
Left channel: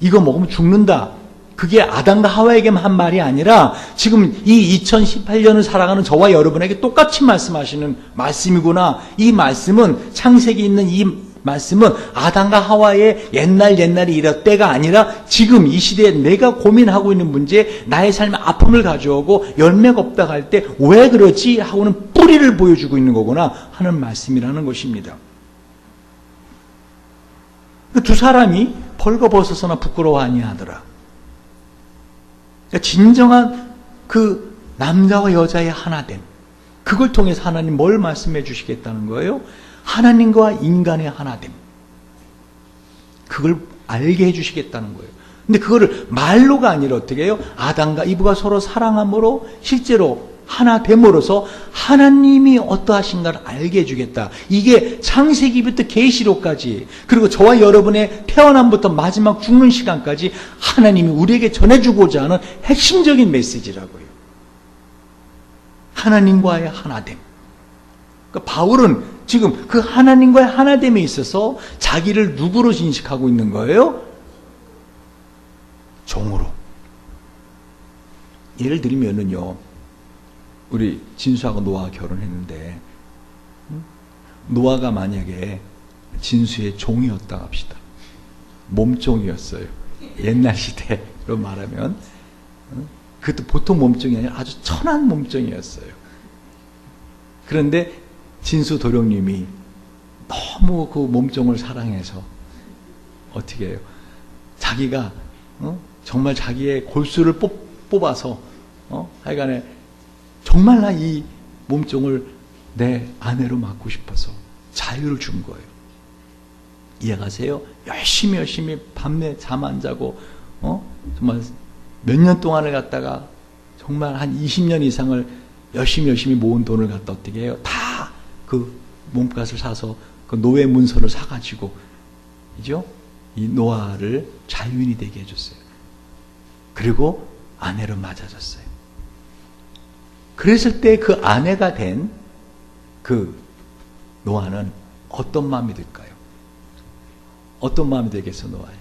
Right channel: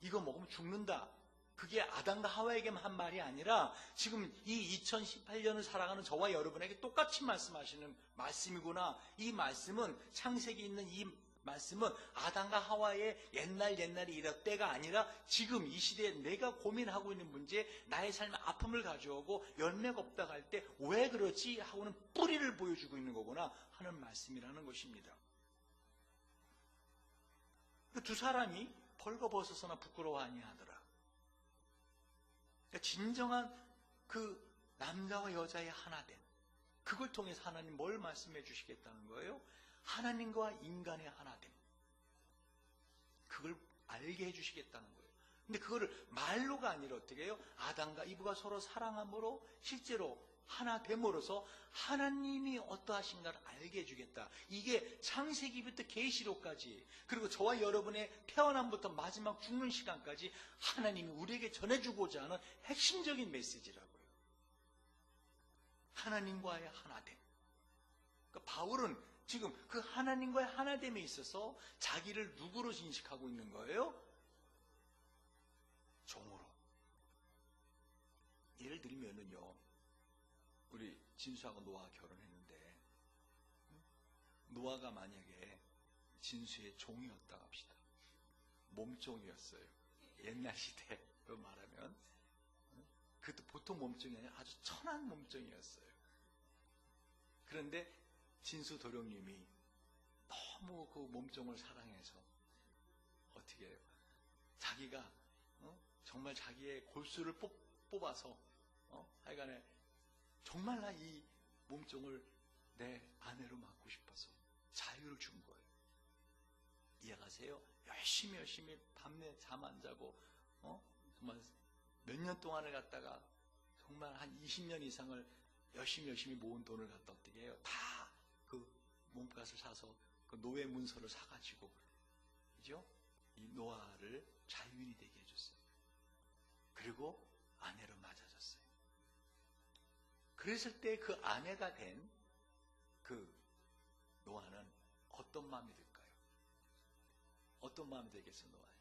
이거 먹으면 죽는다. 그게 아담과 하와에게만 한 말이 아니라 지금 이 2018년을 살아가는 저와 여러분에게 똑같이 말씀하시는 말씀이구나. 이 말씀은 창세기 있는 이 말씀은 아담과 하와의 옛날에 이럴 때가 아니라 지금 이 시대에 내가 고민하고 있는 문제, 나의 삶에 아픔을 가져오고 열매가 없다 할 때 왜 그러지? 하고는 뿌리를 보여주고 있는 거구나 하는 말씀이라는 것입니다. 두 사람이 벌거벗어서나 부끄러워 아니하더라. 진정한 그 남자와 여자의 하나됨, 그걸 통해서 하나님 뭘 말씀해 주시겠다는 거예요? 하나님과 인간의 하나됨, 그걸 알게 해주시겠다는 거예요. 근데 그거를 말로가 아니라 어떻게 해요? 아담과 이브가 서로 사랑함으로 실제로 하나됨으로써 하나님이 어떠하신가를 알게 해주겠다. 이게 창세기부터 계시록까지, 그리고 저와 여러분의 태어남부터 마지막 죽는 시간까지 하나님이 우리에게 전해주고자 하는 핵심적인 메시지라고요. 하나님과의 하나됨. 그러니까 바울은 지금 그 하나님과의 하나됨에 있어서 자기를 누구로 인식하고 있는 거예요? 종으로. 예를 들면은요, 우리 진수하고 노아가 결혼했는데 노아가 만약에 진수의 종이었다 합시다. 몸종이었어요. 옛날 시대로 말하면 그것도 보통 몸종이 아니라 아주 천한 몸종이었어요. 그런데 진수 도령님이 너무 그 몸종을 사랑해서 어떻게 해요? 자기가 정말 자기의 골수를 뽑아서 하여간에 정말 나 이 몸종을 내 아내로 맡고 싶어서 자유를 준 거예요. 이해가세요? 열심히 밤새 잠 안 자고 정말 몇 년 동안을 갖다가 정말 한 20년 이상을 열심히 모은 돈을 갖다 어떻게 해요? 다 그 몸값을 사서 그 노예 문서를 사가지고 이죠? 이 노아를 자유인이 되게 해줬어요. 그리고 아내로 맞아줬어요. 그랬을 때 그 아내가 된 그 노아는 어떤 마음이 들까요? 어떤 마음이 들겠어, 노아에?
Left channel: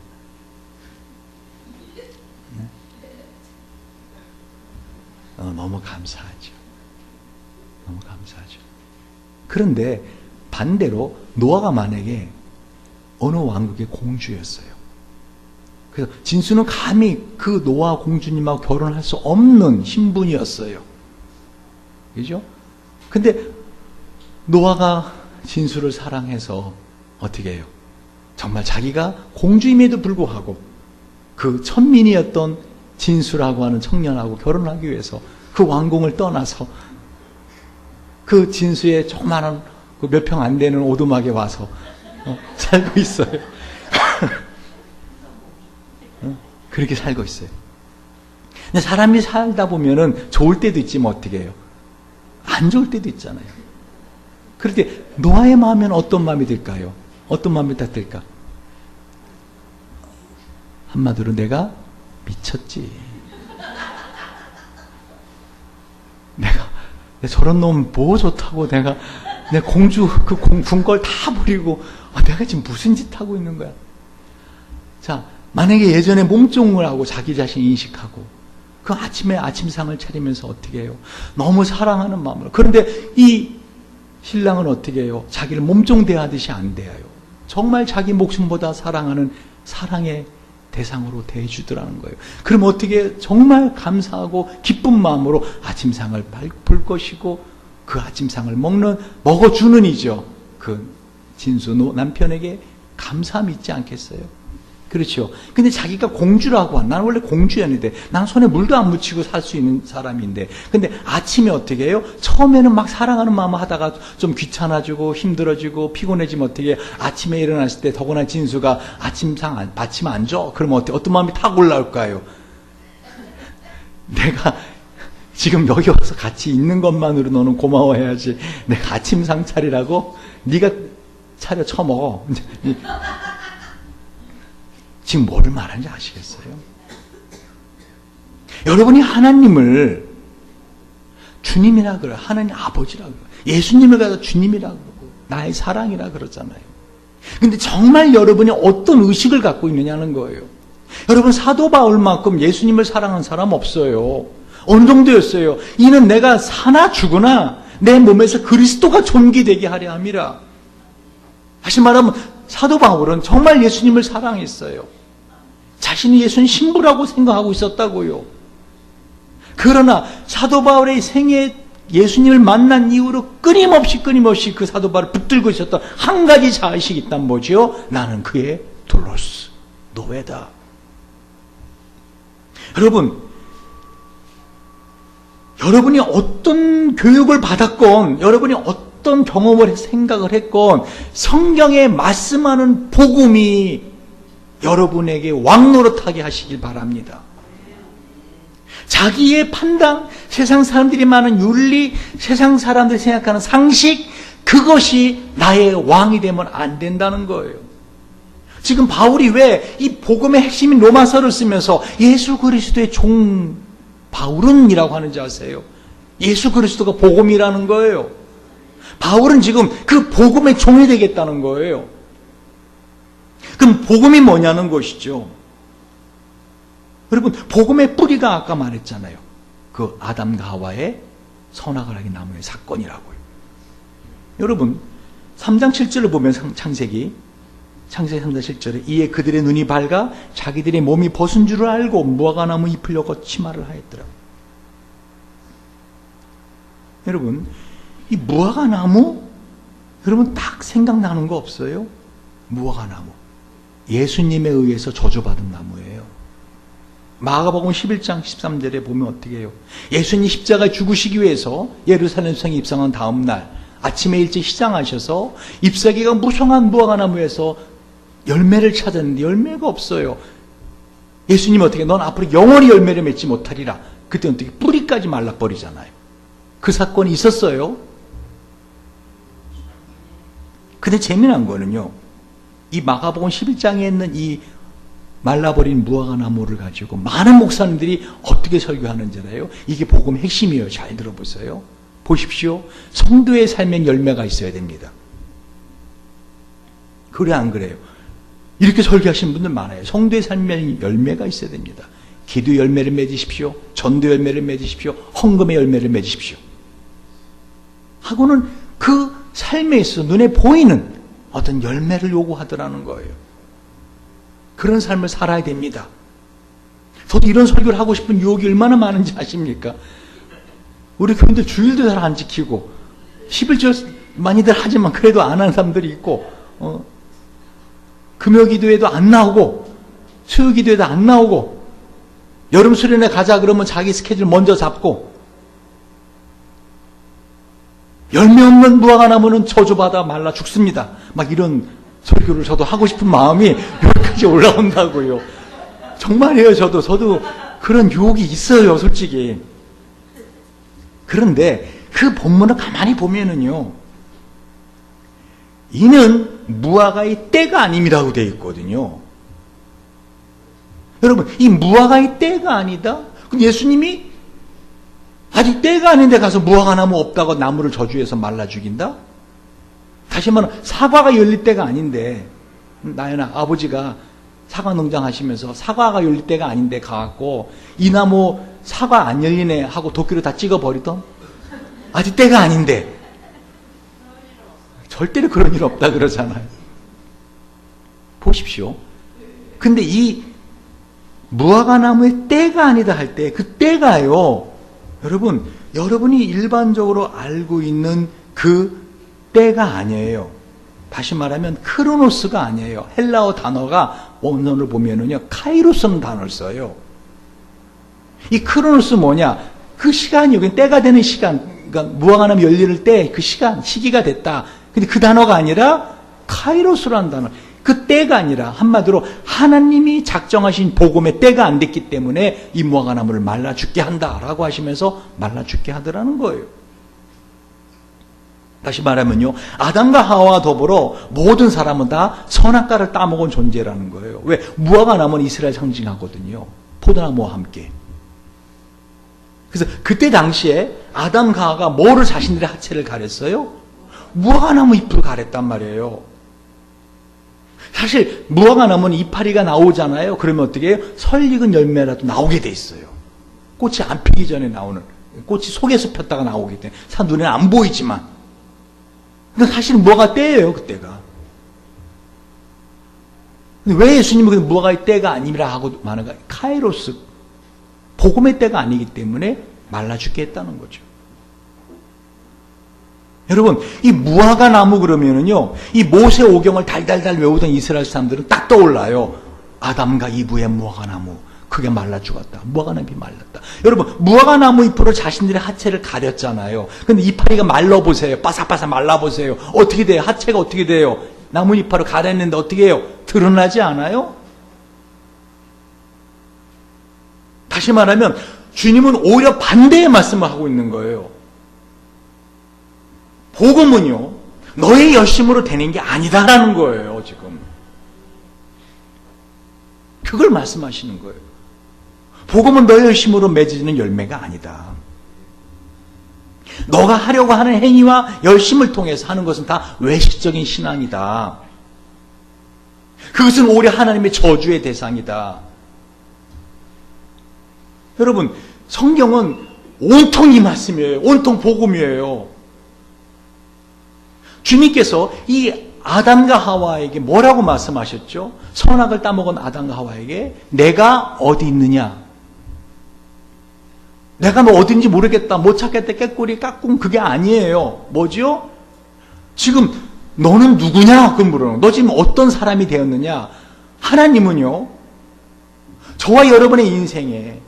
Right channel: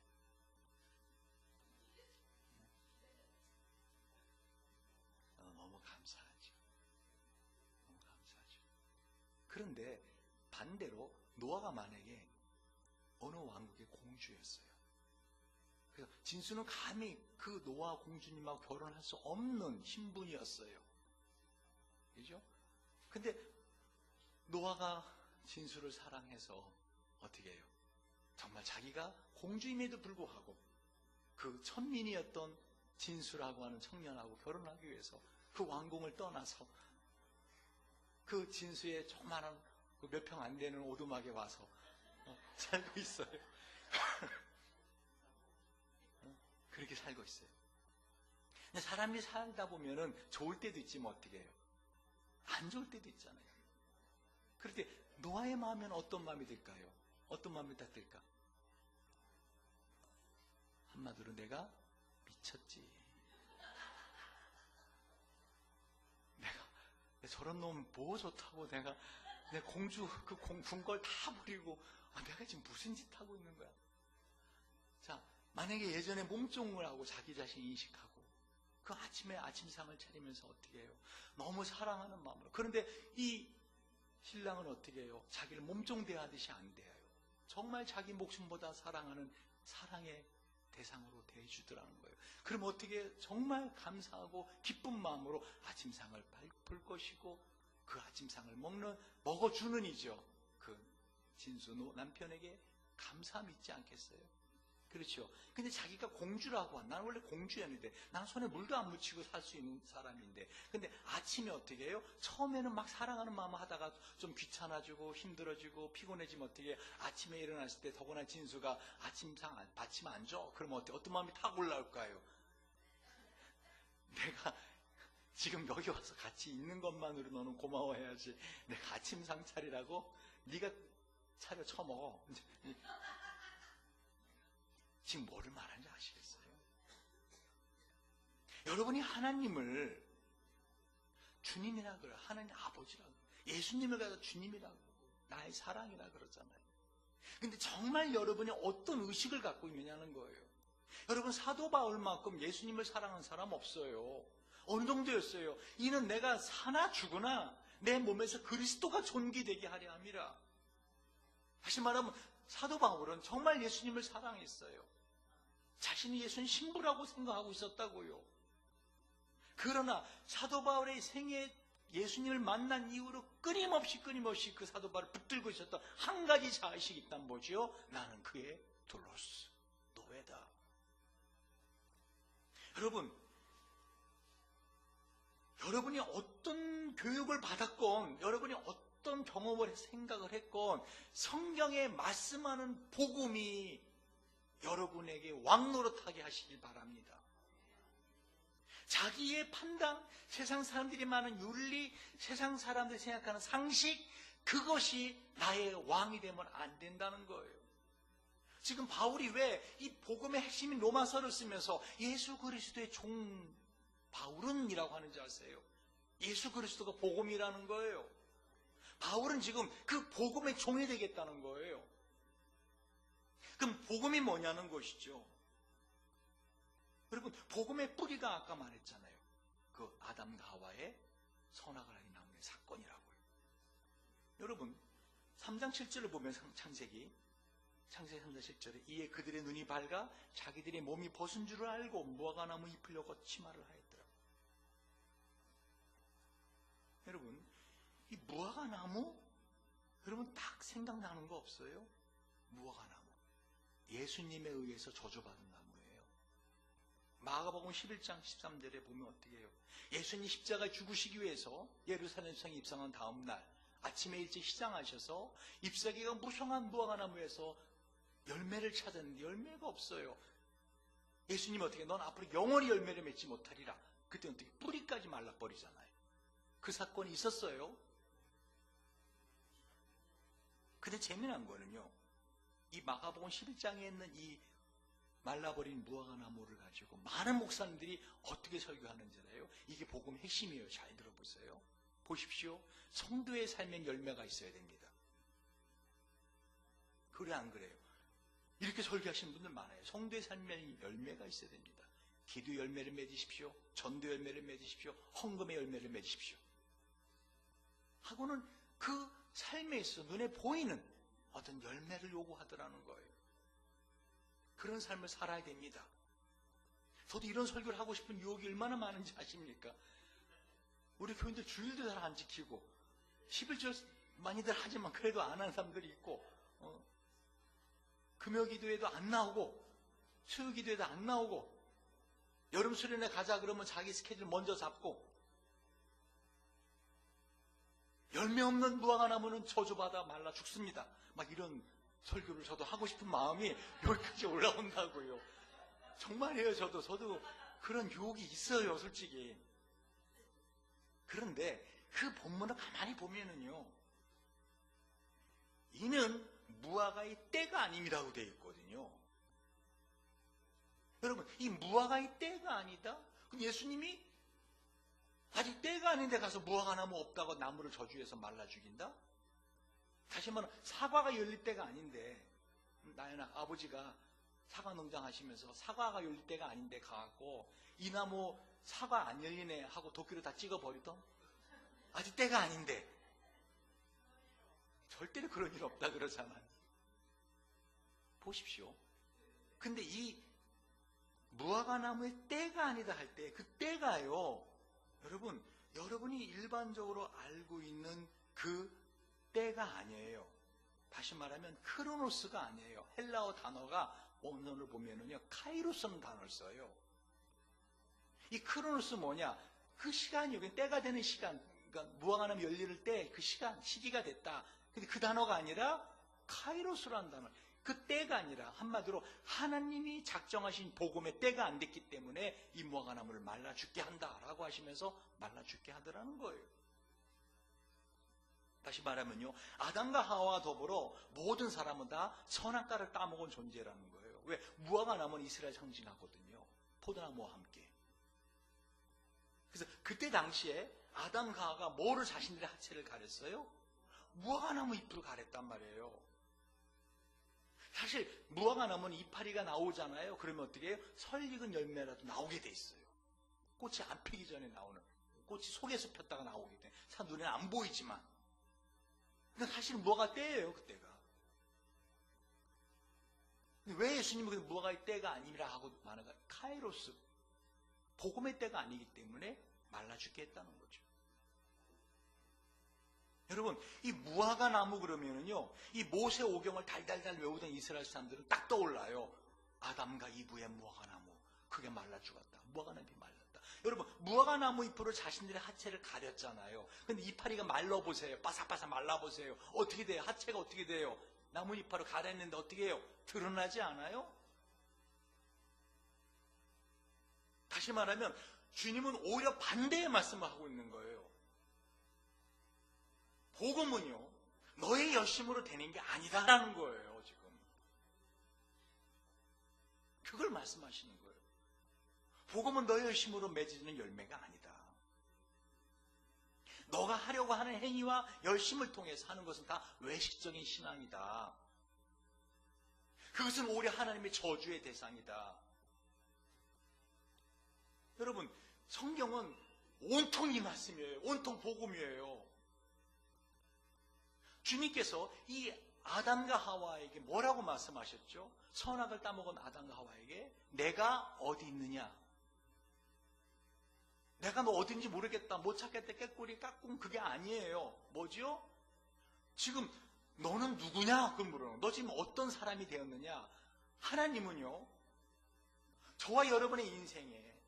너무 감사하죠. 너무 감사하죠. 그런데 반대로 노아가 만약에 어느 왕국의 공주였어요. 그래서 진수는 감히 그 노아 공주님하고 결혼할 수 없는 신분이었어요. 그죠? 근데 노아가 진수를 사랑해서 어떻게 해요? 정말 자기가 공주임에도 불구하고 그 천민이었던 진수라고 하는 청년하고 결혼하기 위해서 그 왕궁을 떠나서 그 진수의 조그마한 그 몇 평 안 되는 오두막에 와서 살고 있어요. 그렇게 살고 있어요. 근데 사람이 살다 보면은 좋을 때도 있지만 어떻게 해요? 안 좋을 때도 있잖아요. 그럴 때 노아의 마음은 어떤 마음이 들까요? 어떤 마음이 딱 들까? 한마디로 내가 미쳤지. 내가 저런 놈 뭐 좋다고 내가 내 공주 그 궁궐 다 버리고 내가 지금 무슨 짓 하고 있는 거야? 자, 만약에 예전에 몸종을 하고 자기 자신 인식하고 그 아침에 아침상을 차리면서 어떻게 해요? 너무 사랑하는 마음으로. 그런데 이 신랑은 어떻게 해요? 자기를 몸종 대하듯이 안 대해요. 정말 자기 목숨보다 사랑하는 사랑의 대상으로 대해주더라는 거예요. 그럼 어떻게 정말 감사하고 기쁜 마음으로 아침상을 볼 것이고 그 아침상을 먹어주는 이죠. 그 진수 남편에게 감사함이 있지 않겠어요? 그렇죠. 근데 자기가 공주라고 한, 나는 원래 공주였는데, 난 손에 물도 안 묻히고 살 수 있는 사람인데, 근데 아침에 어떻게 해요? 처음에는 막 사랑하는 마음 하다가 좀 귀찮아지고 힘들어지고 피곤해지면 어떻게 해요? 아침에 일어났을 때 더구나 진수가 아침 안 줘? 그러면 어떤 마음이 탁 올라올까요? 내가 지금 여기 와서 같이 있는 것만으로 너는 고마워해야지. 내가 아침상 차리라고? 네가 차려 처먹어. 지금 뭐를 말하는지 아시겠어요? 여러분이 하나님을 주님이라 그래요. 하나님 아버지라 그래요. 예수님을 가서 주님이라 그러고 나의 사랑이라 그러잖아요. 근데 정말 여러분이 어떤 의식을 갖고 있느냐는 거예요. 여러분, 사도 바울만큼 예수님을 사랑한 사람 없어요. 어느 정도였어요? 이는 내가 사나 죽으나 내 몸에서 그리스도가 존귀되게 하려 함이라. 다시 말하면 사도 바울은 정말 예수님을 사랑했어요. 자신이 예수님 신부라고 생각하고 있었다고요. 그러나 사도 바울의 생애 예수님을 만난 이후로 끊임없이 그 사도 바울을 붙들고 있었던 한 가지 자의식이 있단 뭐죠? 나는 그의 돌로스, 노예다. 여러분이 어떤 교육을 받았건, 여러분이 어떤 경험을 생각을 했건, 성경에 말씀하는 복음이 여러분에게 왕노릇하게 하시길 바랍니다. 자기의 판단, 세상 사람들이 많은 윤리, 세상 사람들이 생각하는 상식, 그것이 나의 왕이 되면 안 된다는 거예요. 지금 바울이 왜 이 복음의 핵심인 로마서를 쓰면서 예수 그리스도의 종 바울은이라고 하는지 아세요? 예수 그리스도가 복음이라는 거예요. 바울은 지금 그 복음의 종이 되겠다는 거예요. 그럼 복음이 뭐냐는 것이죠. 여러분, 복음의 뿌리가 아까 말했잖아요. 그 아담과 하와의 선악을 하기 나무의 사건이라고요. 여러분, 3장 7절을 보면 창세기 3장 7절에 이에 그들의 눈이 밝아 자기들의 몸이 벗은 줄을 알고 무화과나무 잎을 엮어 치마를 하였더라. 여러분, 이 무화과나무, 여러분 딱 생각나는 거 없어요? 무화과나무, 예수님에 의해서 저주받은 나무예요. 마가복음 11장 13절에 보면 어떻게 해요? 예수님 십자가에 죽으시기 위해서 예루살렘 성에 입성한 다음 날 아침에 일찍 시장하셔서 잎사귀가 무성한 무화과나무에서 열매를 찾았는데 열매가 없어요. 예수님 어떻게, 넌 앞으로 영원히 열매를 맺지 못하리라. 그때 어떻게 뿌리까지 말라버리잖아요. 그 사건이 있었어요. 근데 재미난 거는요, 이 마가복음 11장에 있는 이 말라버린 무화과나무를 가지고 많은 목사님들이 어떻게 설교하는지라요. 이게 복음 핵심이에요. 잘 들어보세요. 보십시오. 성도의 삶엔 열매가 있어야 됩니다. 그래 안 그래요? 이렇게 설교하시는 분들 많아요. 성도의 삶엔 열매가 있어야 됩니다. 기도 열매를 맺으십시오. 전도 열매를 맺으십시오. 헌금의 열매를 맺으십시오. 하고는 그 삶에 있어서 눈에 보이는 어떤 열매를 요구하더라는 거예요. 그런 삶을 살아야 됩니다. 저도 이런 설교를 하고 싶은 유혹이 얼마나 많은지 아십니까? 우리 교인들 주일도 잘 안 지키고 11절 많이들 하지만 그래도 안 하는 사람들이 있고, 금요기도에도 안 나오고 수요기도에도 안 나오고, 여름 수련회 가자 그러면 자기 스케줄 먼저 잡고, 열매 없는 무화과나무는 저주받아 말라 죽습니다. 막 이런 설교를 저도 하고 싶은 마음이 여기까지 올라온다고요. 정말이에요. 저도 그런 유혹이 있어요, 솔직히. 그런데 그 본문을 가만히 보면은요, 이는 무화과의 때가 아님이라고 되어 있거든요. 여러분, 이 무화과의 때가 아니다? 그럼 예수님이 아직 때가 아닌데 가서 무화과나무 없다고 나무를 저주해서 말라 죽인다? 다시 말하면 사과가 열릴 때가 아닌데, 나연아, 아버지가 사과 농장 하시면서 사과가 열릴 때가 아닌데 가갖고 이 나무 사과 안 열리네 하고 도끼로 다 찍어버리던? 아직 때가 아닌데. 절대로 그런 일 없다 그러잖아요. 보십시오. 근데 이 무화과나무의 때가 아니다 할 때 그 때가요, 여러분이 일반적으로 알고 있는 그 때가 아니에요. 다시 말하면 크로노스가 아니에요. 헬라어 단어가 원문을 보면은요, 카이로스는 단어를 써요. 이 크로노스 뭐냐? 그 시간이 여기 때가 되는 시간, 그러니까 무화과나무 열리를 때 그 시간, 시기가 됐다. 근데 그 단어가 아니라 카이로스라는 단어. 그 때가 아니라 한마디로 하나님이 작정하신 복음의 때가 안 됐기 때문에 이 무화과나무를 말라 죽게 한다라고 하시면서 말라 죽게 하더라는 거예요. 다시 말하면요, 아담과 하와와 더불어 모든 사람은 다 선악과를 따먹은 존재라는 거예요. 왜? 무화과나무는 이스라엘 상징하거든요. 포도나무와 함께. 그래서 그때 당시에 아담과 하와가 뭐를 자신들의 하체를 가렸어요? 무화과나무 잎을 가렸단 말이에요. 사실 무화과나무는 이파리가 나오잖아요. 그러면 어떻게 해요? 설익은 열매라도 나오게 돼 있어요. 꽃이 안 피기 전에 나오는, 꽃이 속에서 폈다가 나오기 때문에 눈에는 안 보이지만, 근데 사실은 무화과 때예요, 그때가. 근데 왜 예수님은 무화과의 때가 아니라 하고 말하는가? 카이로스, 복음의 때가 아니기 때문에 말라 죽게 했다는 거죠. 여러분, 이 무화과 나무 그러면은요, 이 모세 오경을 달달달 외우던 이스라엘 사람들은 딱 떠올라요. 아담과 이브의 무화과 나무, 그게 말라 죽었다. 무화과 나무이 말랐다. 여러분, 무화과 나무 잎으로 자신들의 하체를 가렸잖아요. 근데 이파리가 말라보세요. 바삭바삭 말라보세요. 어떻게 돼요? 하체가 어떻게 돼요? 나무 잎으로 가렸는데 어떻게 해요? 드러나지 않아요? 다시 말하면, 주님은 오히려 반대의 말씀을 하고 있는 거예요. 복음은요, 너의 열심으로 되는 게 아니다라는 거예요, 지금. 그걸 말씀하시는 거예요. 복음은 너의 열심으로 맺어지는 열매가 아니다. 너가 하려고 하는 행위와 열심을 통해서 하는 것은 다 외식적인 신앙이다. 그것은 오히려 하나님의 저주의 대상이다. 여러분, 성경은 온통 이 말씀이에요. 온통 복음이에요. 주님께서 이 아담과 하와에게 뭐라고 말씀하셨죠? 선악을 따먹은 아담과 하와에게 내가 어디 있느냐? 내가 너 어딘지 모르겠다. 못 찾겠다. 깨꼬리 깍꿍 그게 아니에요. 뭐죠? 지금 너는 누구냐? 그 물어요. 너 지금 어떤 사람이 되었느냐? 하나님은요, 저와 여러분의 인생에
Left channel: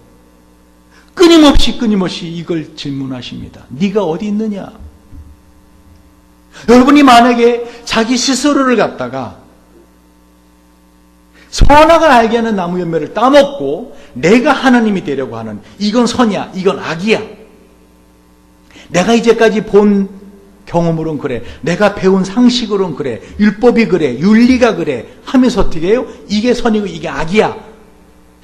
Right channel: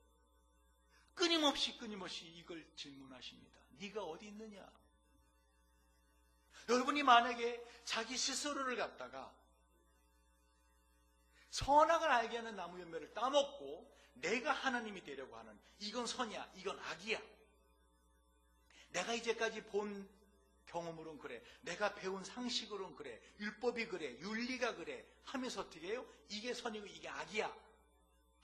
끊임없이 이걸 질문하십니다. 네가 어디 있느냐? 여러분이 만약에 자기 스스로를 갖다가 선악을 알게 하는 나무 열매를 따먹고 내가 하나님이 되려고 하는, 이건 선이야, 이건 악이야. 내가 이제까지 본 경험으로는 그래, 내가 배운 상식으로는 그래, 율법이 그래, 윤리가 그래 하면서 어떻게 해요? 이게 선이고 이게 악이야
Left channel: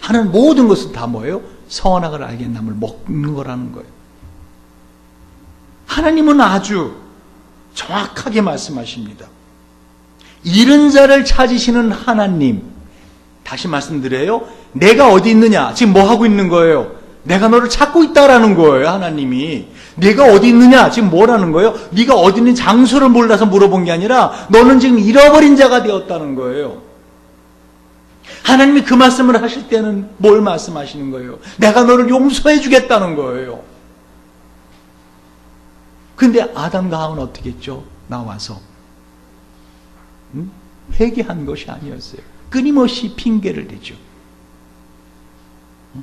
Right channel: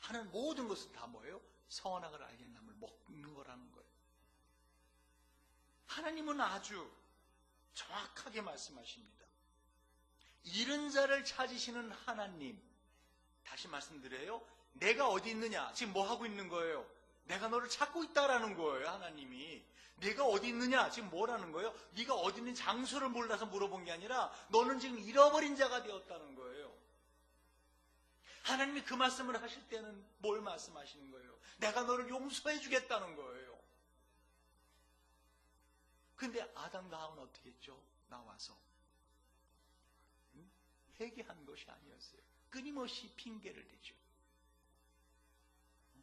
하는 모든 것은 다 뭐예요? 선악을 알게 하는 나무를 먹는 거라는 거예요. 하나님은 아주 정확하게 말씀하십니다. 잃은 자를 찾으시는 하나님. 다시 말씀드려요. 내가 어디 있느냐? 지금 뭐 하고 있는 거예요? 내가 너를 찾고 있다라는 거예요, 하나님이. 네가 어디 있느냐? 지금 뭐라는 거예요? 네가 어디 있는 장소를 몰라서 물어본 게 아니라 너는 지금 잃어버린 자가 되었다는 거예요. 하나님이 그 말씀을 하실 때는 뭘 말씀하시는 거예요? 내가 너를 용서해 주겠다는 거예요. 근데 아담과 하와는 어떻게 했죠? 나와서 회개한 것이 아니었어요. 끊임없이 핑계를 대죠.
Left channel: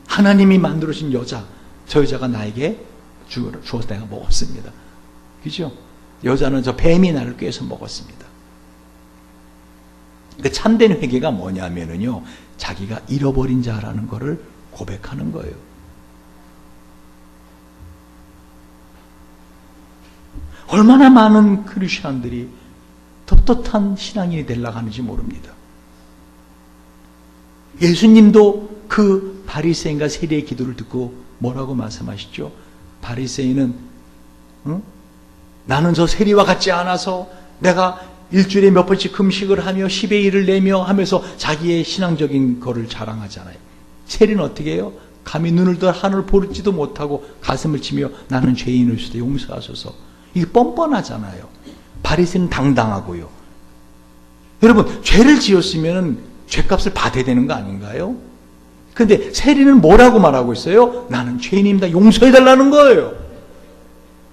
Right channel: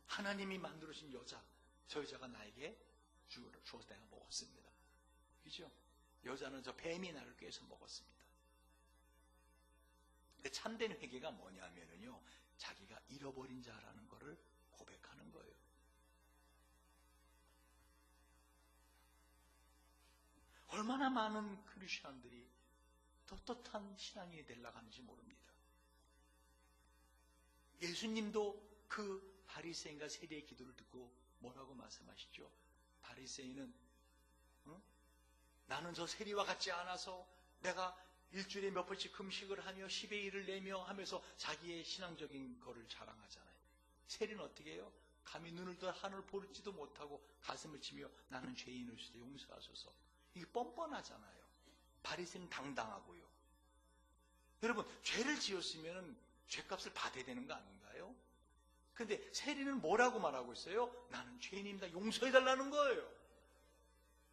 하나님이 만들어진 여자, 저 여자가 나에게 주어서 내가 먹었습니다. 그죠? 여자는 저 뱀이 나를 꿰서 먹었습니다. 그 참된 회개가 뭐냐면요, 자기가 잃어버린 자라는 것을 고백하는 거예요. 얼마나 많은 크리스천들이 떳떳한 신앙인이 되려고 하는지 모릅니다. 예수님도 그 바리새인과 세리의 기도를 듣고 뭐라고 말씀하시죠? 바리새인은 나는 저 세리와 같지 않아서 내가 일주일에 몇 번씩 금식을 하며 10의 1을 내며 하면서 자기의 신앙적인 거를 자랑하잖아요. 세리는 어떻게 해요? 감히 눈을 들 하늘을 보지도 못하고 가슴을 치며 나는 죄인일 수도 용서하소서. 이게 뻔뻔하잖아요. 바리새인은 당당하고요. 여러분, 죄를 지었으면 죄값을 받아야 되는 거 아닌가요? 근데 세리는 뭐라고 말하고 있어요? 나는 죄인입니다. 용서해달라는 거예요.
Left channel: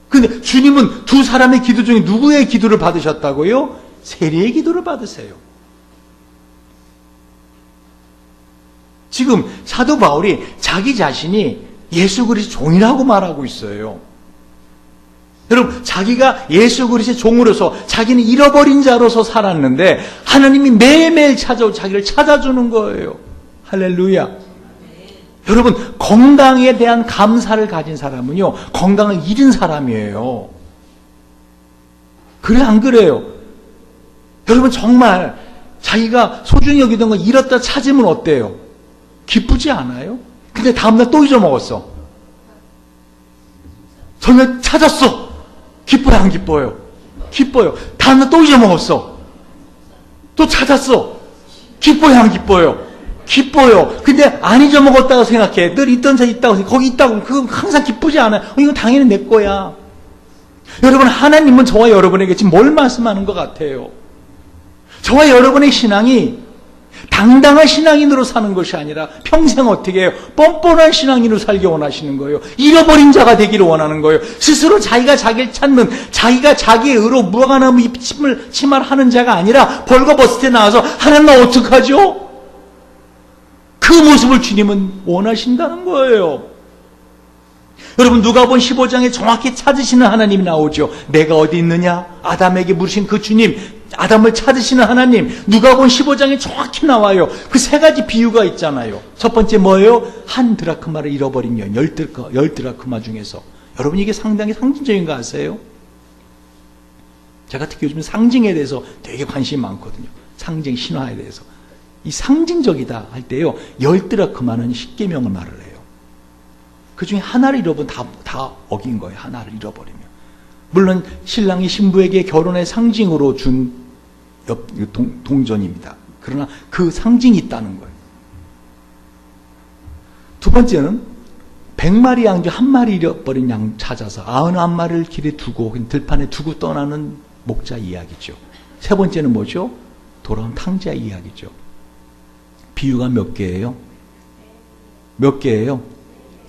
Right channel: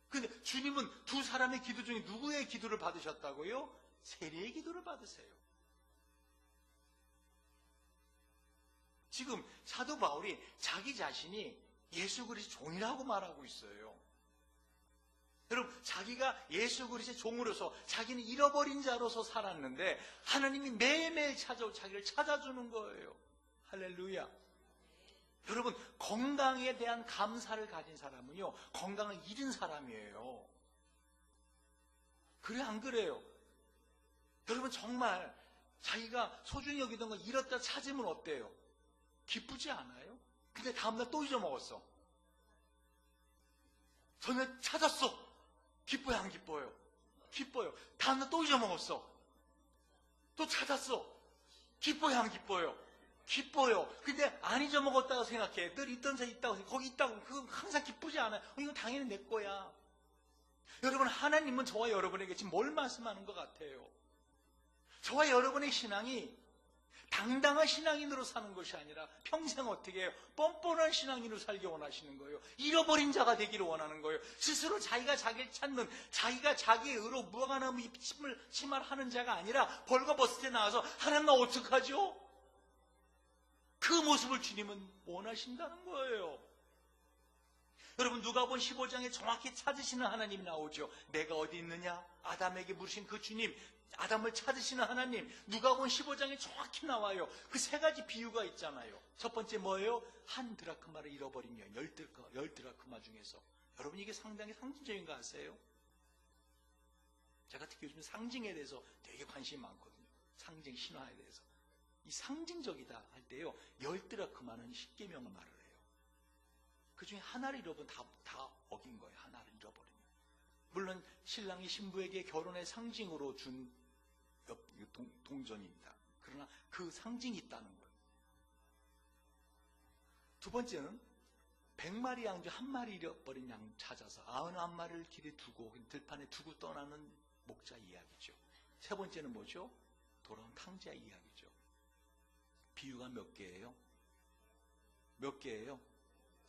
근데 주님은 두 사람의 기도 중에 누구의 기도를 받으셨다고요? 세리의 기도를 받으세요. 지금 사도 바울이 자기 자신이 예수 그리스도의 종이라고 말하고 있어요. 여러분, 자기가 예수 그리스도의 종으로서 자기는 잃어버린 자로서 살았는데 하나님이 매일매일 자기를 찾아주는 거예요. 할렐루야. 여러분, 건강에 대한 감사를 가진 사람은요, 건강을 잃은 사람이에요. 그래, 안 그래요? 여러분, 정말 자기가 소중히 여기던 거 잃었다 찾으면 어때요? 기쁘지 않아요? 근데 다음날 또 잊어먹었어. 전날 찾았어. 기뻐요, 안 기뻐요? 기뻐요. 다음날 또 잊어먹었어. 또 찾았어. 기뻐요, 안 기뻐요? 기뻐요. 근데 안 잊어먹었다고 생각해. 늘 있던 데 있다고 생각해. 거기 있다고. 그건 항상 기쁘지 않아요. 이건 당연히 내 거야. 여러분, 하나님은 저와 여러분에게 지금 뭘 말씀하는 것 같아요? 저와 여러분의 신앙이 당당한 신앙인으로 사는 것이 아니라 평생 어떻게 해요? 뻔뻔한 신앙인으로 살기 원하시는 거예요. 잃어버린 자가 되기를 원하는 거예요. 스스로 자기가 자기를 찾는, 자기가 자기의 의로 무화과나무 침을 하는 자가 아니라 벌거벗을 때 나와서 하나님 나 어떡하죠? 그 모습을 주님은 원하신다는 거예요. 여러분, 누가복음 15장에 정확히 찾으시는 하나님이 나오죠. 내가 어디 있느냐? 아담에게 물으신 그 주님, 아담을 찾으시는 하나님. 누가복음 15장에 정확히 나와요. 그 세 가지 비유가 있잖아요. 첫 번째 뭐예요? 한 드라크마를 잃어버린 여인, 열 드라크마 중에서. 여러분, 이게 상당히 상징적인 거 아세요? 제가 특히 요즘 상징에 대해서 되게 관심이 많거든요. 상징 신화에 대해서. 이 상징적이다 할 때요, 열 드라크마는 십계명을 말을 해요. 그 중에 하나를 잃어버리면 다 어긴 거예요. 하나를 잃어버리면. 물론 신랑이 신부에게 결혼의 상징으로 준 동전입니다. 그러나 그 상징이 있다는 거예요. 두 번째는 100마리 양 중 한 마리 잃어버린 양 찾아서 91마리를 길에 두고 들판에 두고 떠나는 목자 이야기죠. 세 번째는 뭐죠? 돌아온 탕자 이야기죠. 비유가 몇 개예요? 몇 개예요?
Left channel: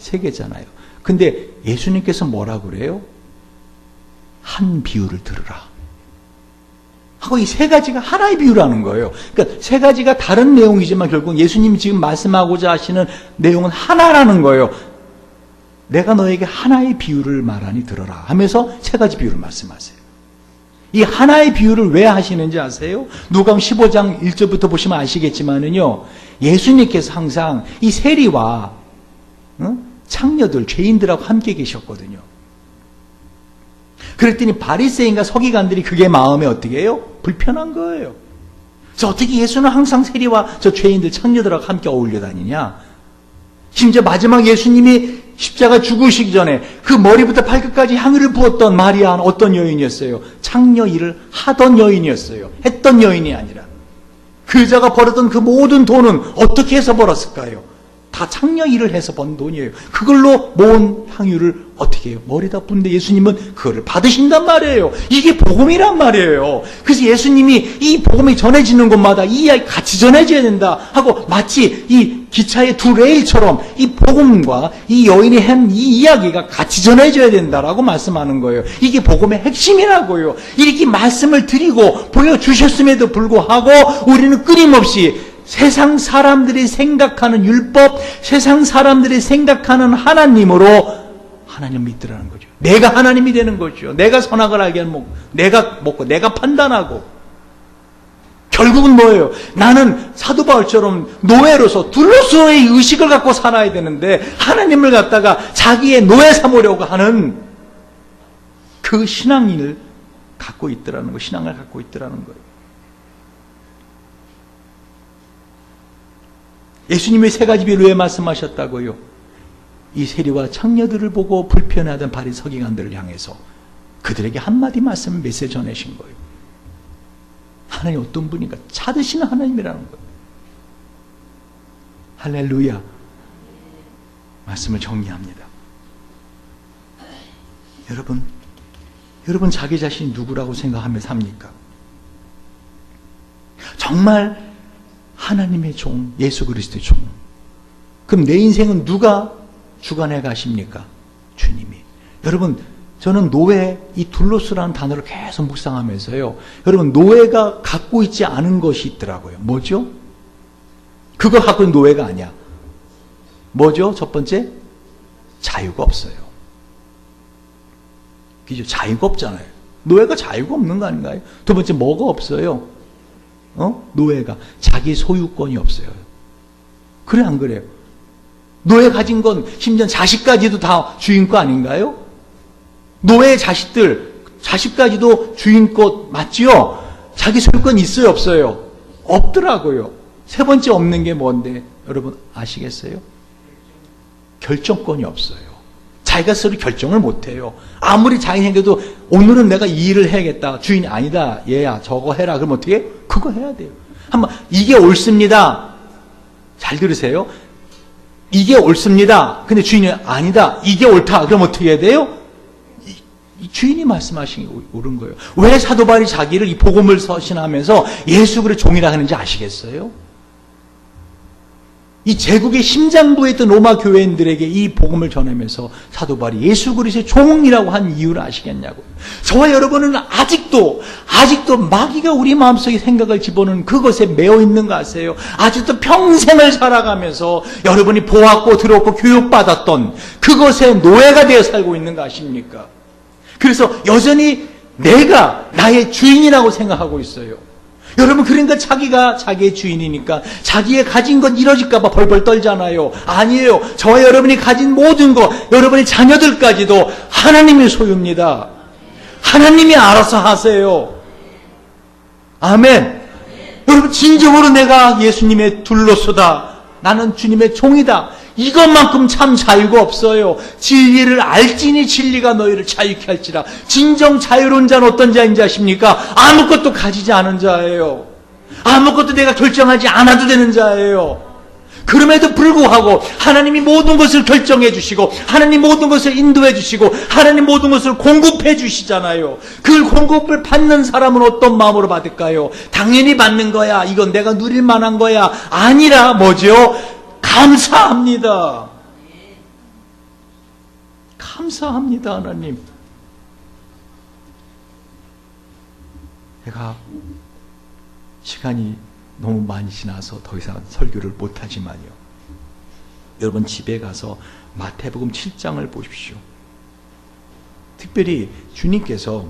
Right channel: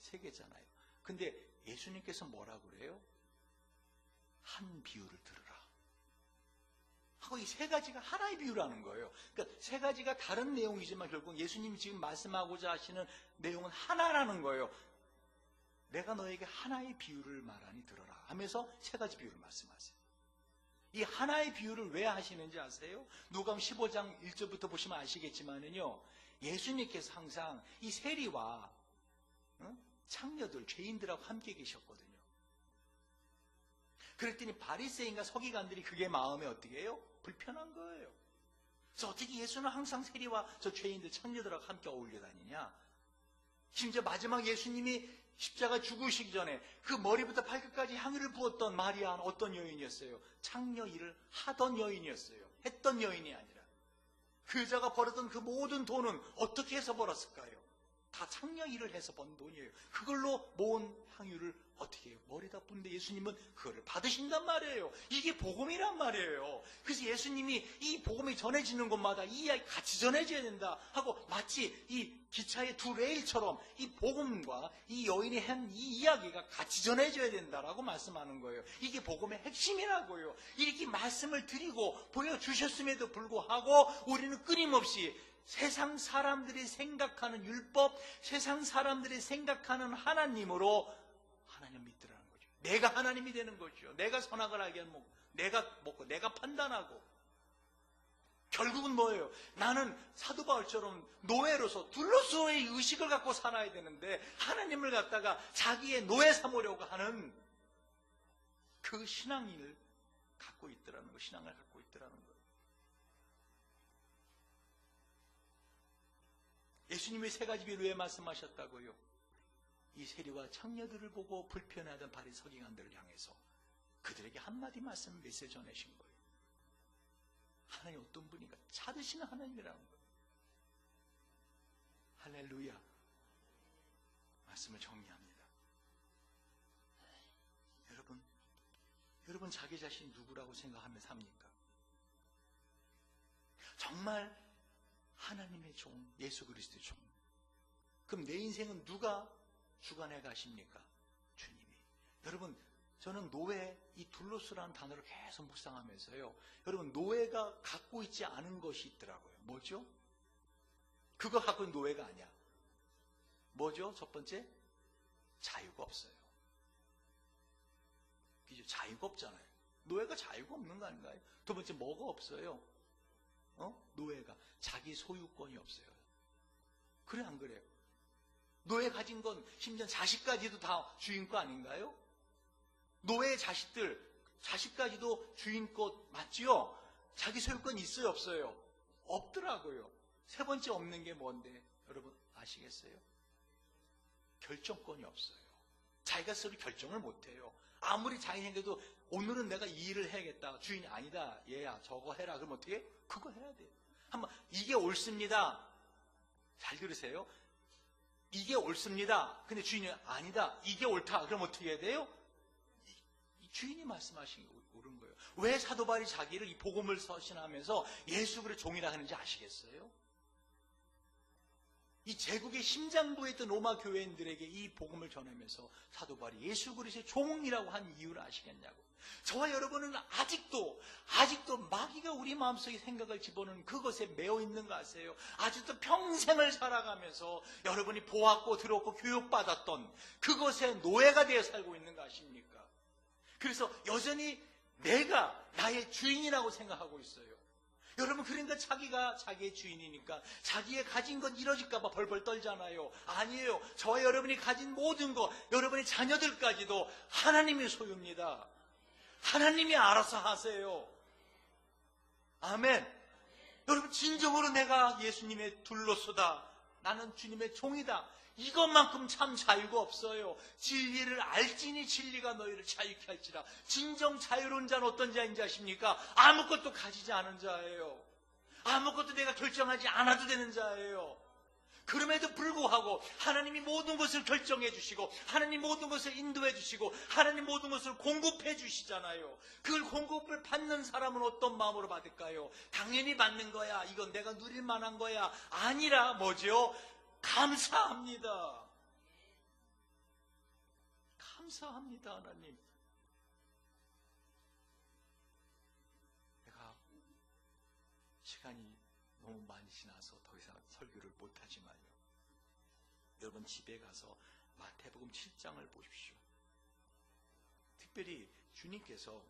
3개잖아요. 근데 예수님께서 뭐라 그래요? 한 비유를 들으라 하고, 이 세 가지가 하나의 비유라는 거예요. 그러니까 세 가지가 다른 내용이지만 결국 예수님이 지금 말씀하고자 하시는 내용은 하나라는 거예요. 내가 너에게 하나의 비유를 말하니 들어라 하면서 세 가지 비유를 말씀하세요. 이 하나의 비유를 왜 하시는지 아세요? 누가복음 15장 1절부터 보시면 아시겠지만은요, 예수님께서 항상 이 세리와 창녀들, 죄인들하고 함께 계셨거든요. 그랬더니 바리새인과 서기관들이 그게 마음에 어떻게 해요? 불편한 거예요. 저 어떻게 예수는 항상 세리와 저 죄인들, 창녀들하고 함께 어울려 다니냐? 심지어 마지막 예수님이 십자가 죽으시기 전에 그 머리부터 발끝까지 향유를 부었던 마리아는 어떤 여인이었어요? 창녀 일을 하던 여인이었어요. 했던 여인이 아니라. 그 여자가 벌었던 그 모든 돈은 어떻게 해서 벌었을까요? 다 창녀 일을 해서 번 돈이에요. 그걸로 모은 향유를 어떻게 해요? 머리다 붓는데 예수님은 그거를 받으신단 말이에요. 이게 복음이란 말이에요. 그래서 예수님이 이 복음이 전해지는 곳마다 이 이야기 같이 전해져야 된다 하고, 마치 이 기차의 두 레일처럼 이 복음과 이 여인이 한 이 이야기가 같이 전해져야 된다라고 말씀하는 거예요. 이게 복음의 핵심이라고요. 이렇게 말씀을 드리고 보여주셨음에도 불구하고 우리는 끊임없이 세상 사람들이 생각하는 율법, 세상 사람들이 생각하는 하나님으로 하나님 믿으라는 거죠. 내가 하나님이 되는 거죠. 내가 선악을 알게 하면 내가 먹고 내가 판단하고. 결국은 뭐예요? 나는 사도 바울처럼 노예로서 둘로서의 의식을 갖고 살아야 되는데 하나님을 갖다가 자기의 노예 삼으려고 하는 그 신앙을 갖고 있더라는 거, 신앙을 갖고 있더라는 거예요. 예수님이 세 가지 비유를 왜 말씀하셨다고요? 이 세리와 창녀들을 보고 불편해하던 바리새 서기관들을 향해서 그들에게 한마디 말씀, 메시지 전해신 거예요. 하나님 어떤 분인가? 찾으시는 하나님이라는 거예요. 할렐루야. 말씀을 정리합니다. 여러분 자기 자신이 누구라고 생각하며 삽니까? 정말 하나님의 종, 예수 그리스도의 종. 그럼 내 인생은 누가 주관해 가십니까? 주님이. 여러분, 저는 노예, 이 둘로스라는 단어를 계속 묵상하면서요. 여러분, 노예가 갖고 있지 않은 것이 있더라고요. 뭐죠? 그거 갖고 있는 노예가 아니야. 뭐죠? 첫 번째, 자유가 없어요. 그죠? 자유가 없잖아요. 노예가 자유가 없는 거 아닌가요? 두 번째, 뭐가 없어요? 노예가 자기 소유권이 없어요. 그래, 안 그래요? 노예 가진 건 심지어 자식까지도 다 주인 거 아닌가요? 노예 자식까지도 주인 것 맞지요? 자기 소유권 있어요, 없어요? 없더라고요. 세 번째 없는 게 뭔데? 여러분 아시겠어요? 결정권이 없어요. 자기가 스스로 결정을 못해요. 아무리 자기 생겨도 오늘은 내가 이 일을 해야겠다. 주인이 아니다. 얘야 저거 해라. 그럼 어떻게 해? 그거 해야 돼요. 한번 이게 옳습니다. 잘 들으세요. 이게 옳습니다. 근데 주인이 아니다. 이게 옳다. 그럼 어떻게 해야 돼요? 이 주인이 말씀하신 게 옳은 거예요. 왜 사도 바울이 자기를 이 복음을 서신하면서 예수 그리스도의 종이라 하는지 아시겠어요? 이 제국의 심장부에 있던 로마 교회인들에게 이 복음을 전하면서 사도 바울이 예수 그리스도의 종이라고 한 이유를 아시겠냐고요. 저와 여러분은 아직도 마귀가 우리 마음속에 생각을 집어넣는 그것에 매여 있는 거 아세요? 아직도 평생을 살아가면서 여러분이 보았고 들었고 교육받았던 그것의 노예가 되어 살고 있는 거 아십니까? 그래서 여전히 내가 나의 주인이라고 생각하고 있어요. 여러분, 그러니까 자기가 자기의 주인이니까 자기의 가진 건 이뤄질까봐 벌벌 떨잖아요. 아니에요. 저와 여러분이 가진 모든 거, 여러분의 자녀들까지도 하나님의 소유입니다. 하나님이 알아서 하세요. 아멘. 여러분, 진정으로 내가 예수님의 둘로서다. 나는 주님의 종이다. 이것만큼 참 자유가 없어요. 진리를 알지니 진리가 너희를 자유케 할지라. 진정 자유로운 자는 어떤 자인지 아십니까? 아무것도 가지지 않은 자예요. 아무것도 내가 결정하지 않아도 되는 자예요. 그럼에도 불구하고 하나님이 모든 것을 결정해 주시고 하나님 모든 것을 인도해 주시고 하나님 모든 것을 공급해 주시잖아요. 그 공급을 받는 사람은 어떤 마음으로 받을까요? 당연히 받는 거야. 이건 내가 누릴 만한 거야. 아니라 뭐죠? 감사합니다. 감사합니다, 하나님. 제가 시간이 너무 많이 지나서 더 이상 설교를 못하지만요. 여러분 집에 가서 마태복음 7장을 보십시오. 특별히 주님께서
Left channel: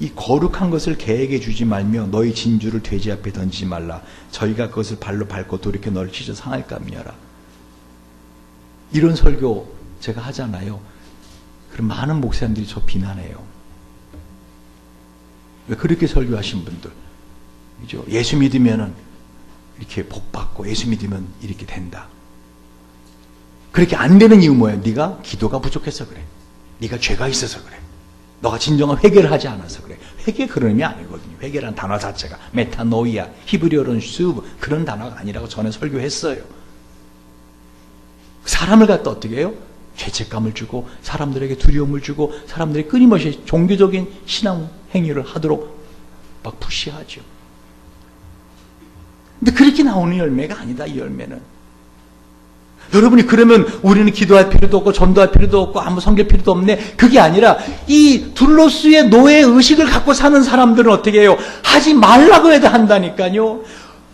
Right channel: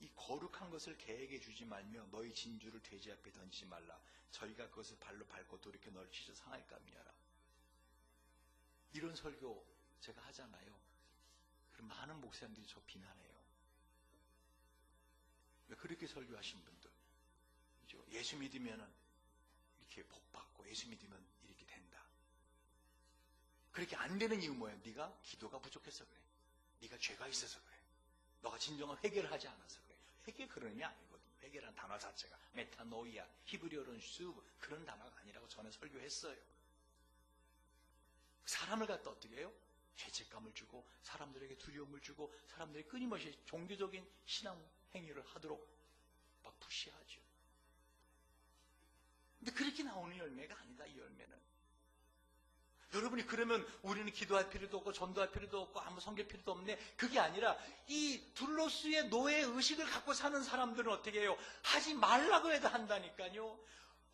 이 거룩한 것을 개에게 주지 말며 너희 진주를 돼지 앞에 던지지 말라. 저희가 그것을 발로 밟고 돌이켜 너를 찢어 상할까 하며라. 이런 설교 제가 하잖아요. 그럼 많은 목사님들이 저 비난해요. 왜 그렇게 설교하신 분들, 그죠? 예수 믿으면은 이렇게 복 받고 예수 믿으면 이렇게 된다. 그렇게 안 되는 이유 뭐예요? 네가 기도가 부족해서 그래. 네가 죄가 있어서 그래. 너가 진정한 회개를 하지 않아서 그래. 회개 그런 의미 아니거든요. 회개라는 단어 자체가 메타노이아, 히브리어로는 슈브 그런 단어가 아니라고 전에 설교했어요. 사람을 갖다 어떻게 해요? 죄책감을 주고 사람들에게 두려움을 주고 사람들이 끊임없이 종교적인 신앙 행위를 하도록 막 푸시하죠. 근데 그렇게 나오는 열매가 아니다. 이 열매는. 여러분이 그러면 우리는 기도할 필요도 없고 전도할 필요도 없고 아무 섬길 필요도 없네. 그게 아니라 이 둘로스의 노예 의식을 갖고 사는 사람들은 어떻게 해요? 하지 말라고 해도 한다니까요.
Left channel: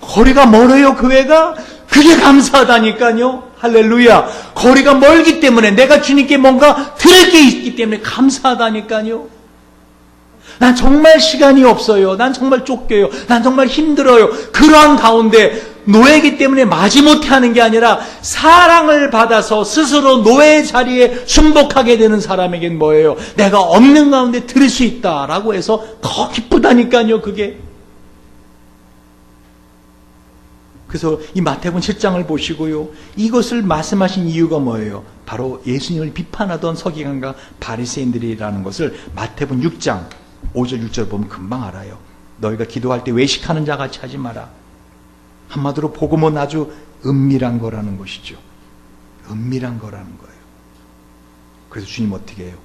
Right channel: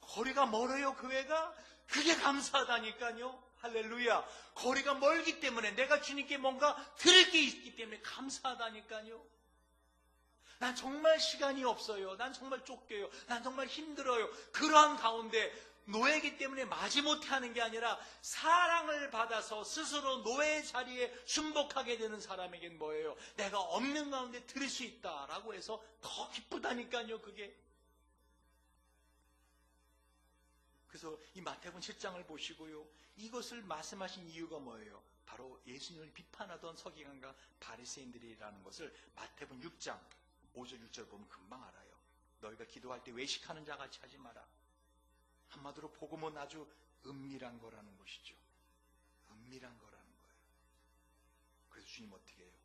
거리가 멀어요, 교회가? 그게 감사하다니까요. 할렐루야. 거리가 멀기 때문에 내가 주님께 뭔가 드릴 게 있기 때문에 감사하다니까요. 난 정말 시간이 없어요. 난 정말 쫓겨요. 난 정말 힘들어요. 그러한 가운데 노예이기 때문에 마지못해 하는 게 아니라 사랑을 받아서 스스로 노예의 자리에 순복하게 되는 사람에겐 뭐예요? 내가 없는 가운데 드릴 수 있다라고 해서 더 기쁘다니까요, 그게. 그래서 이 마태복음 7장을 보시고요. 이것을 말씀하신 이유가 뭐예요? 바로 예수님을 비판하던 서기관과 바리새인들이라는 것을 마태복음 6장 5절 6절 보면 금방 알아요. 너희가 기도할 때 외식하는 자 같이 하지 마라. 한마디로 복음은 아주 은밀한 거라는 것이죠. 은밀한 거라는 거예요. 그래서 주님 어떻게 해요?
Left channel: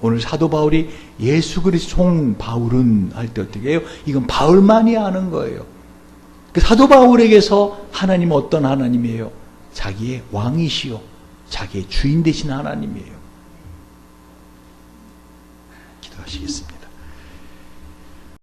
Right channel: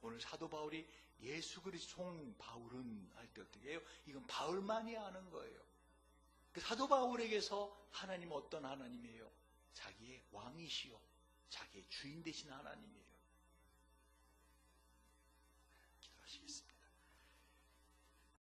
오늘 사도 바울이 예수 그리스도 종 바울은 할 때 어떻게 해요? 이건 바울만이 아는 거예요. 사도 바울에게서 하나님은 어떤 하나님이에요? 자기의 왕이시요 자기의 주인 되신 하나님이에요. 하시겠습니다.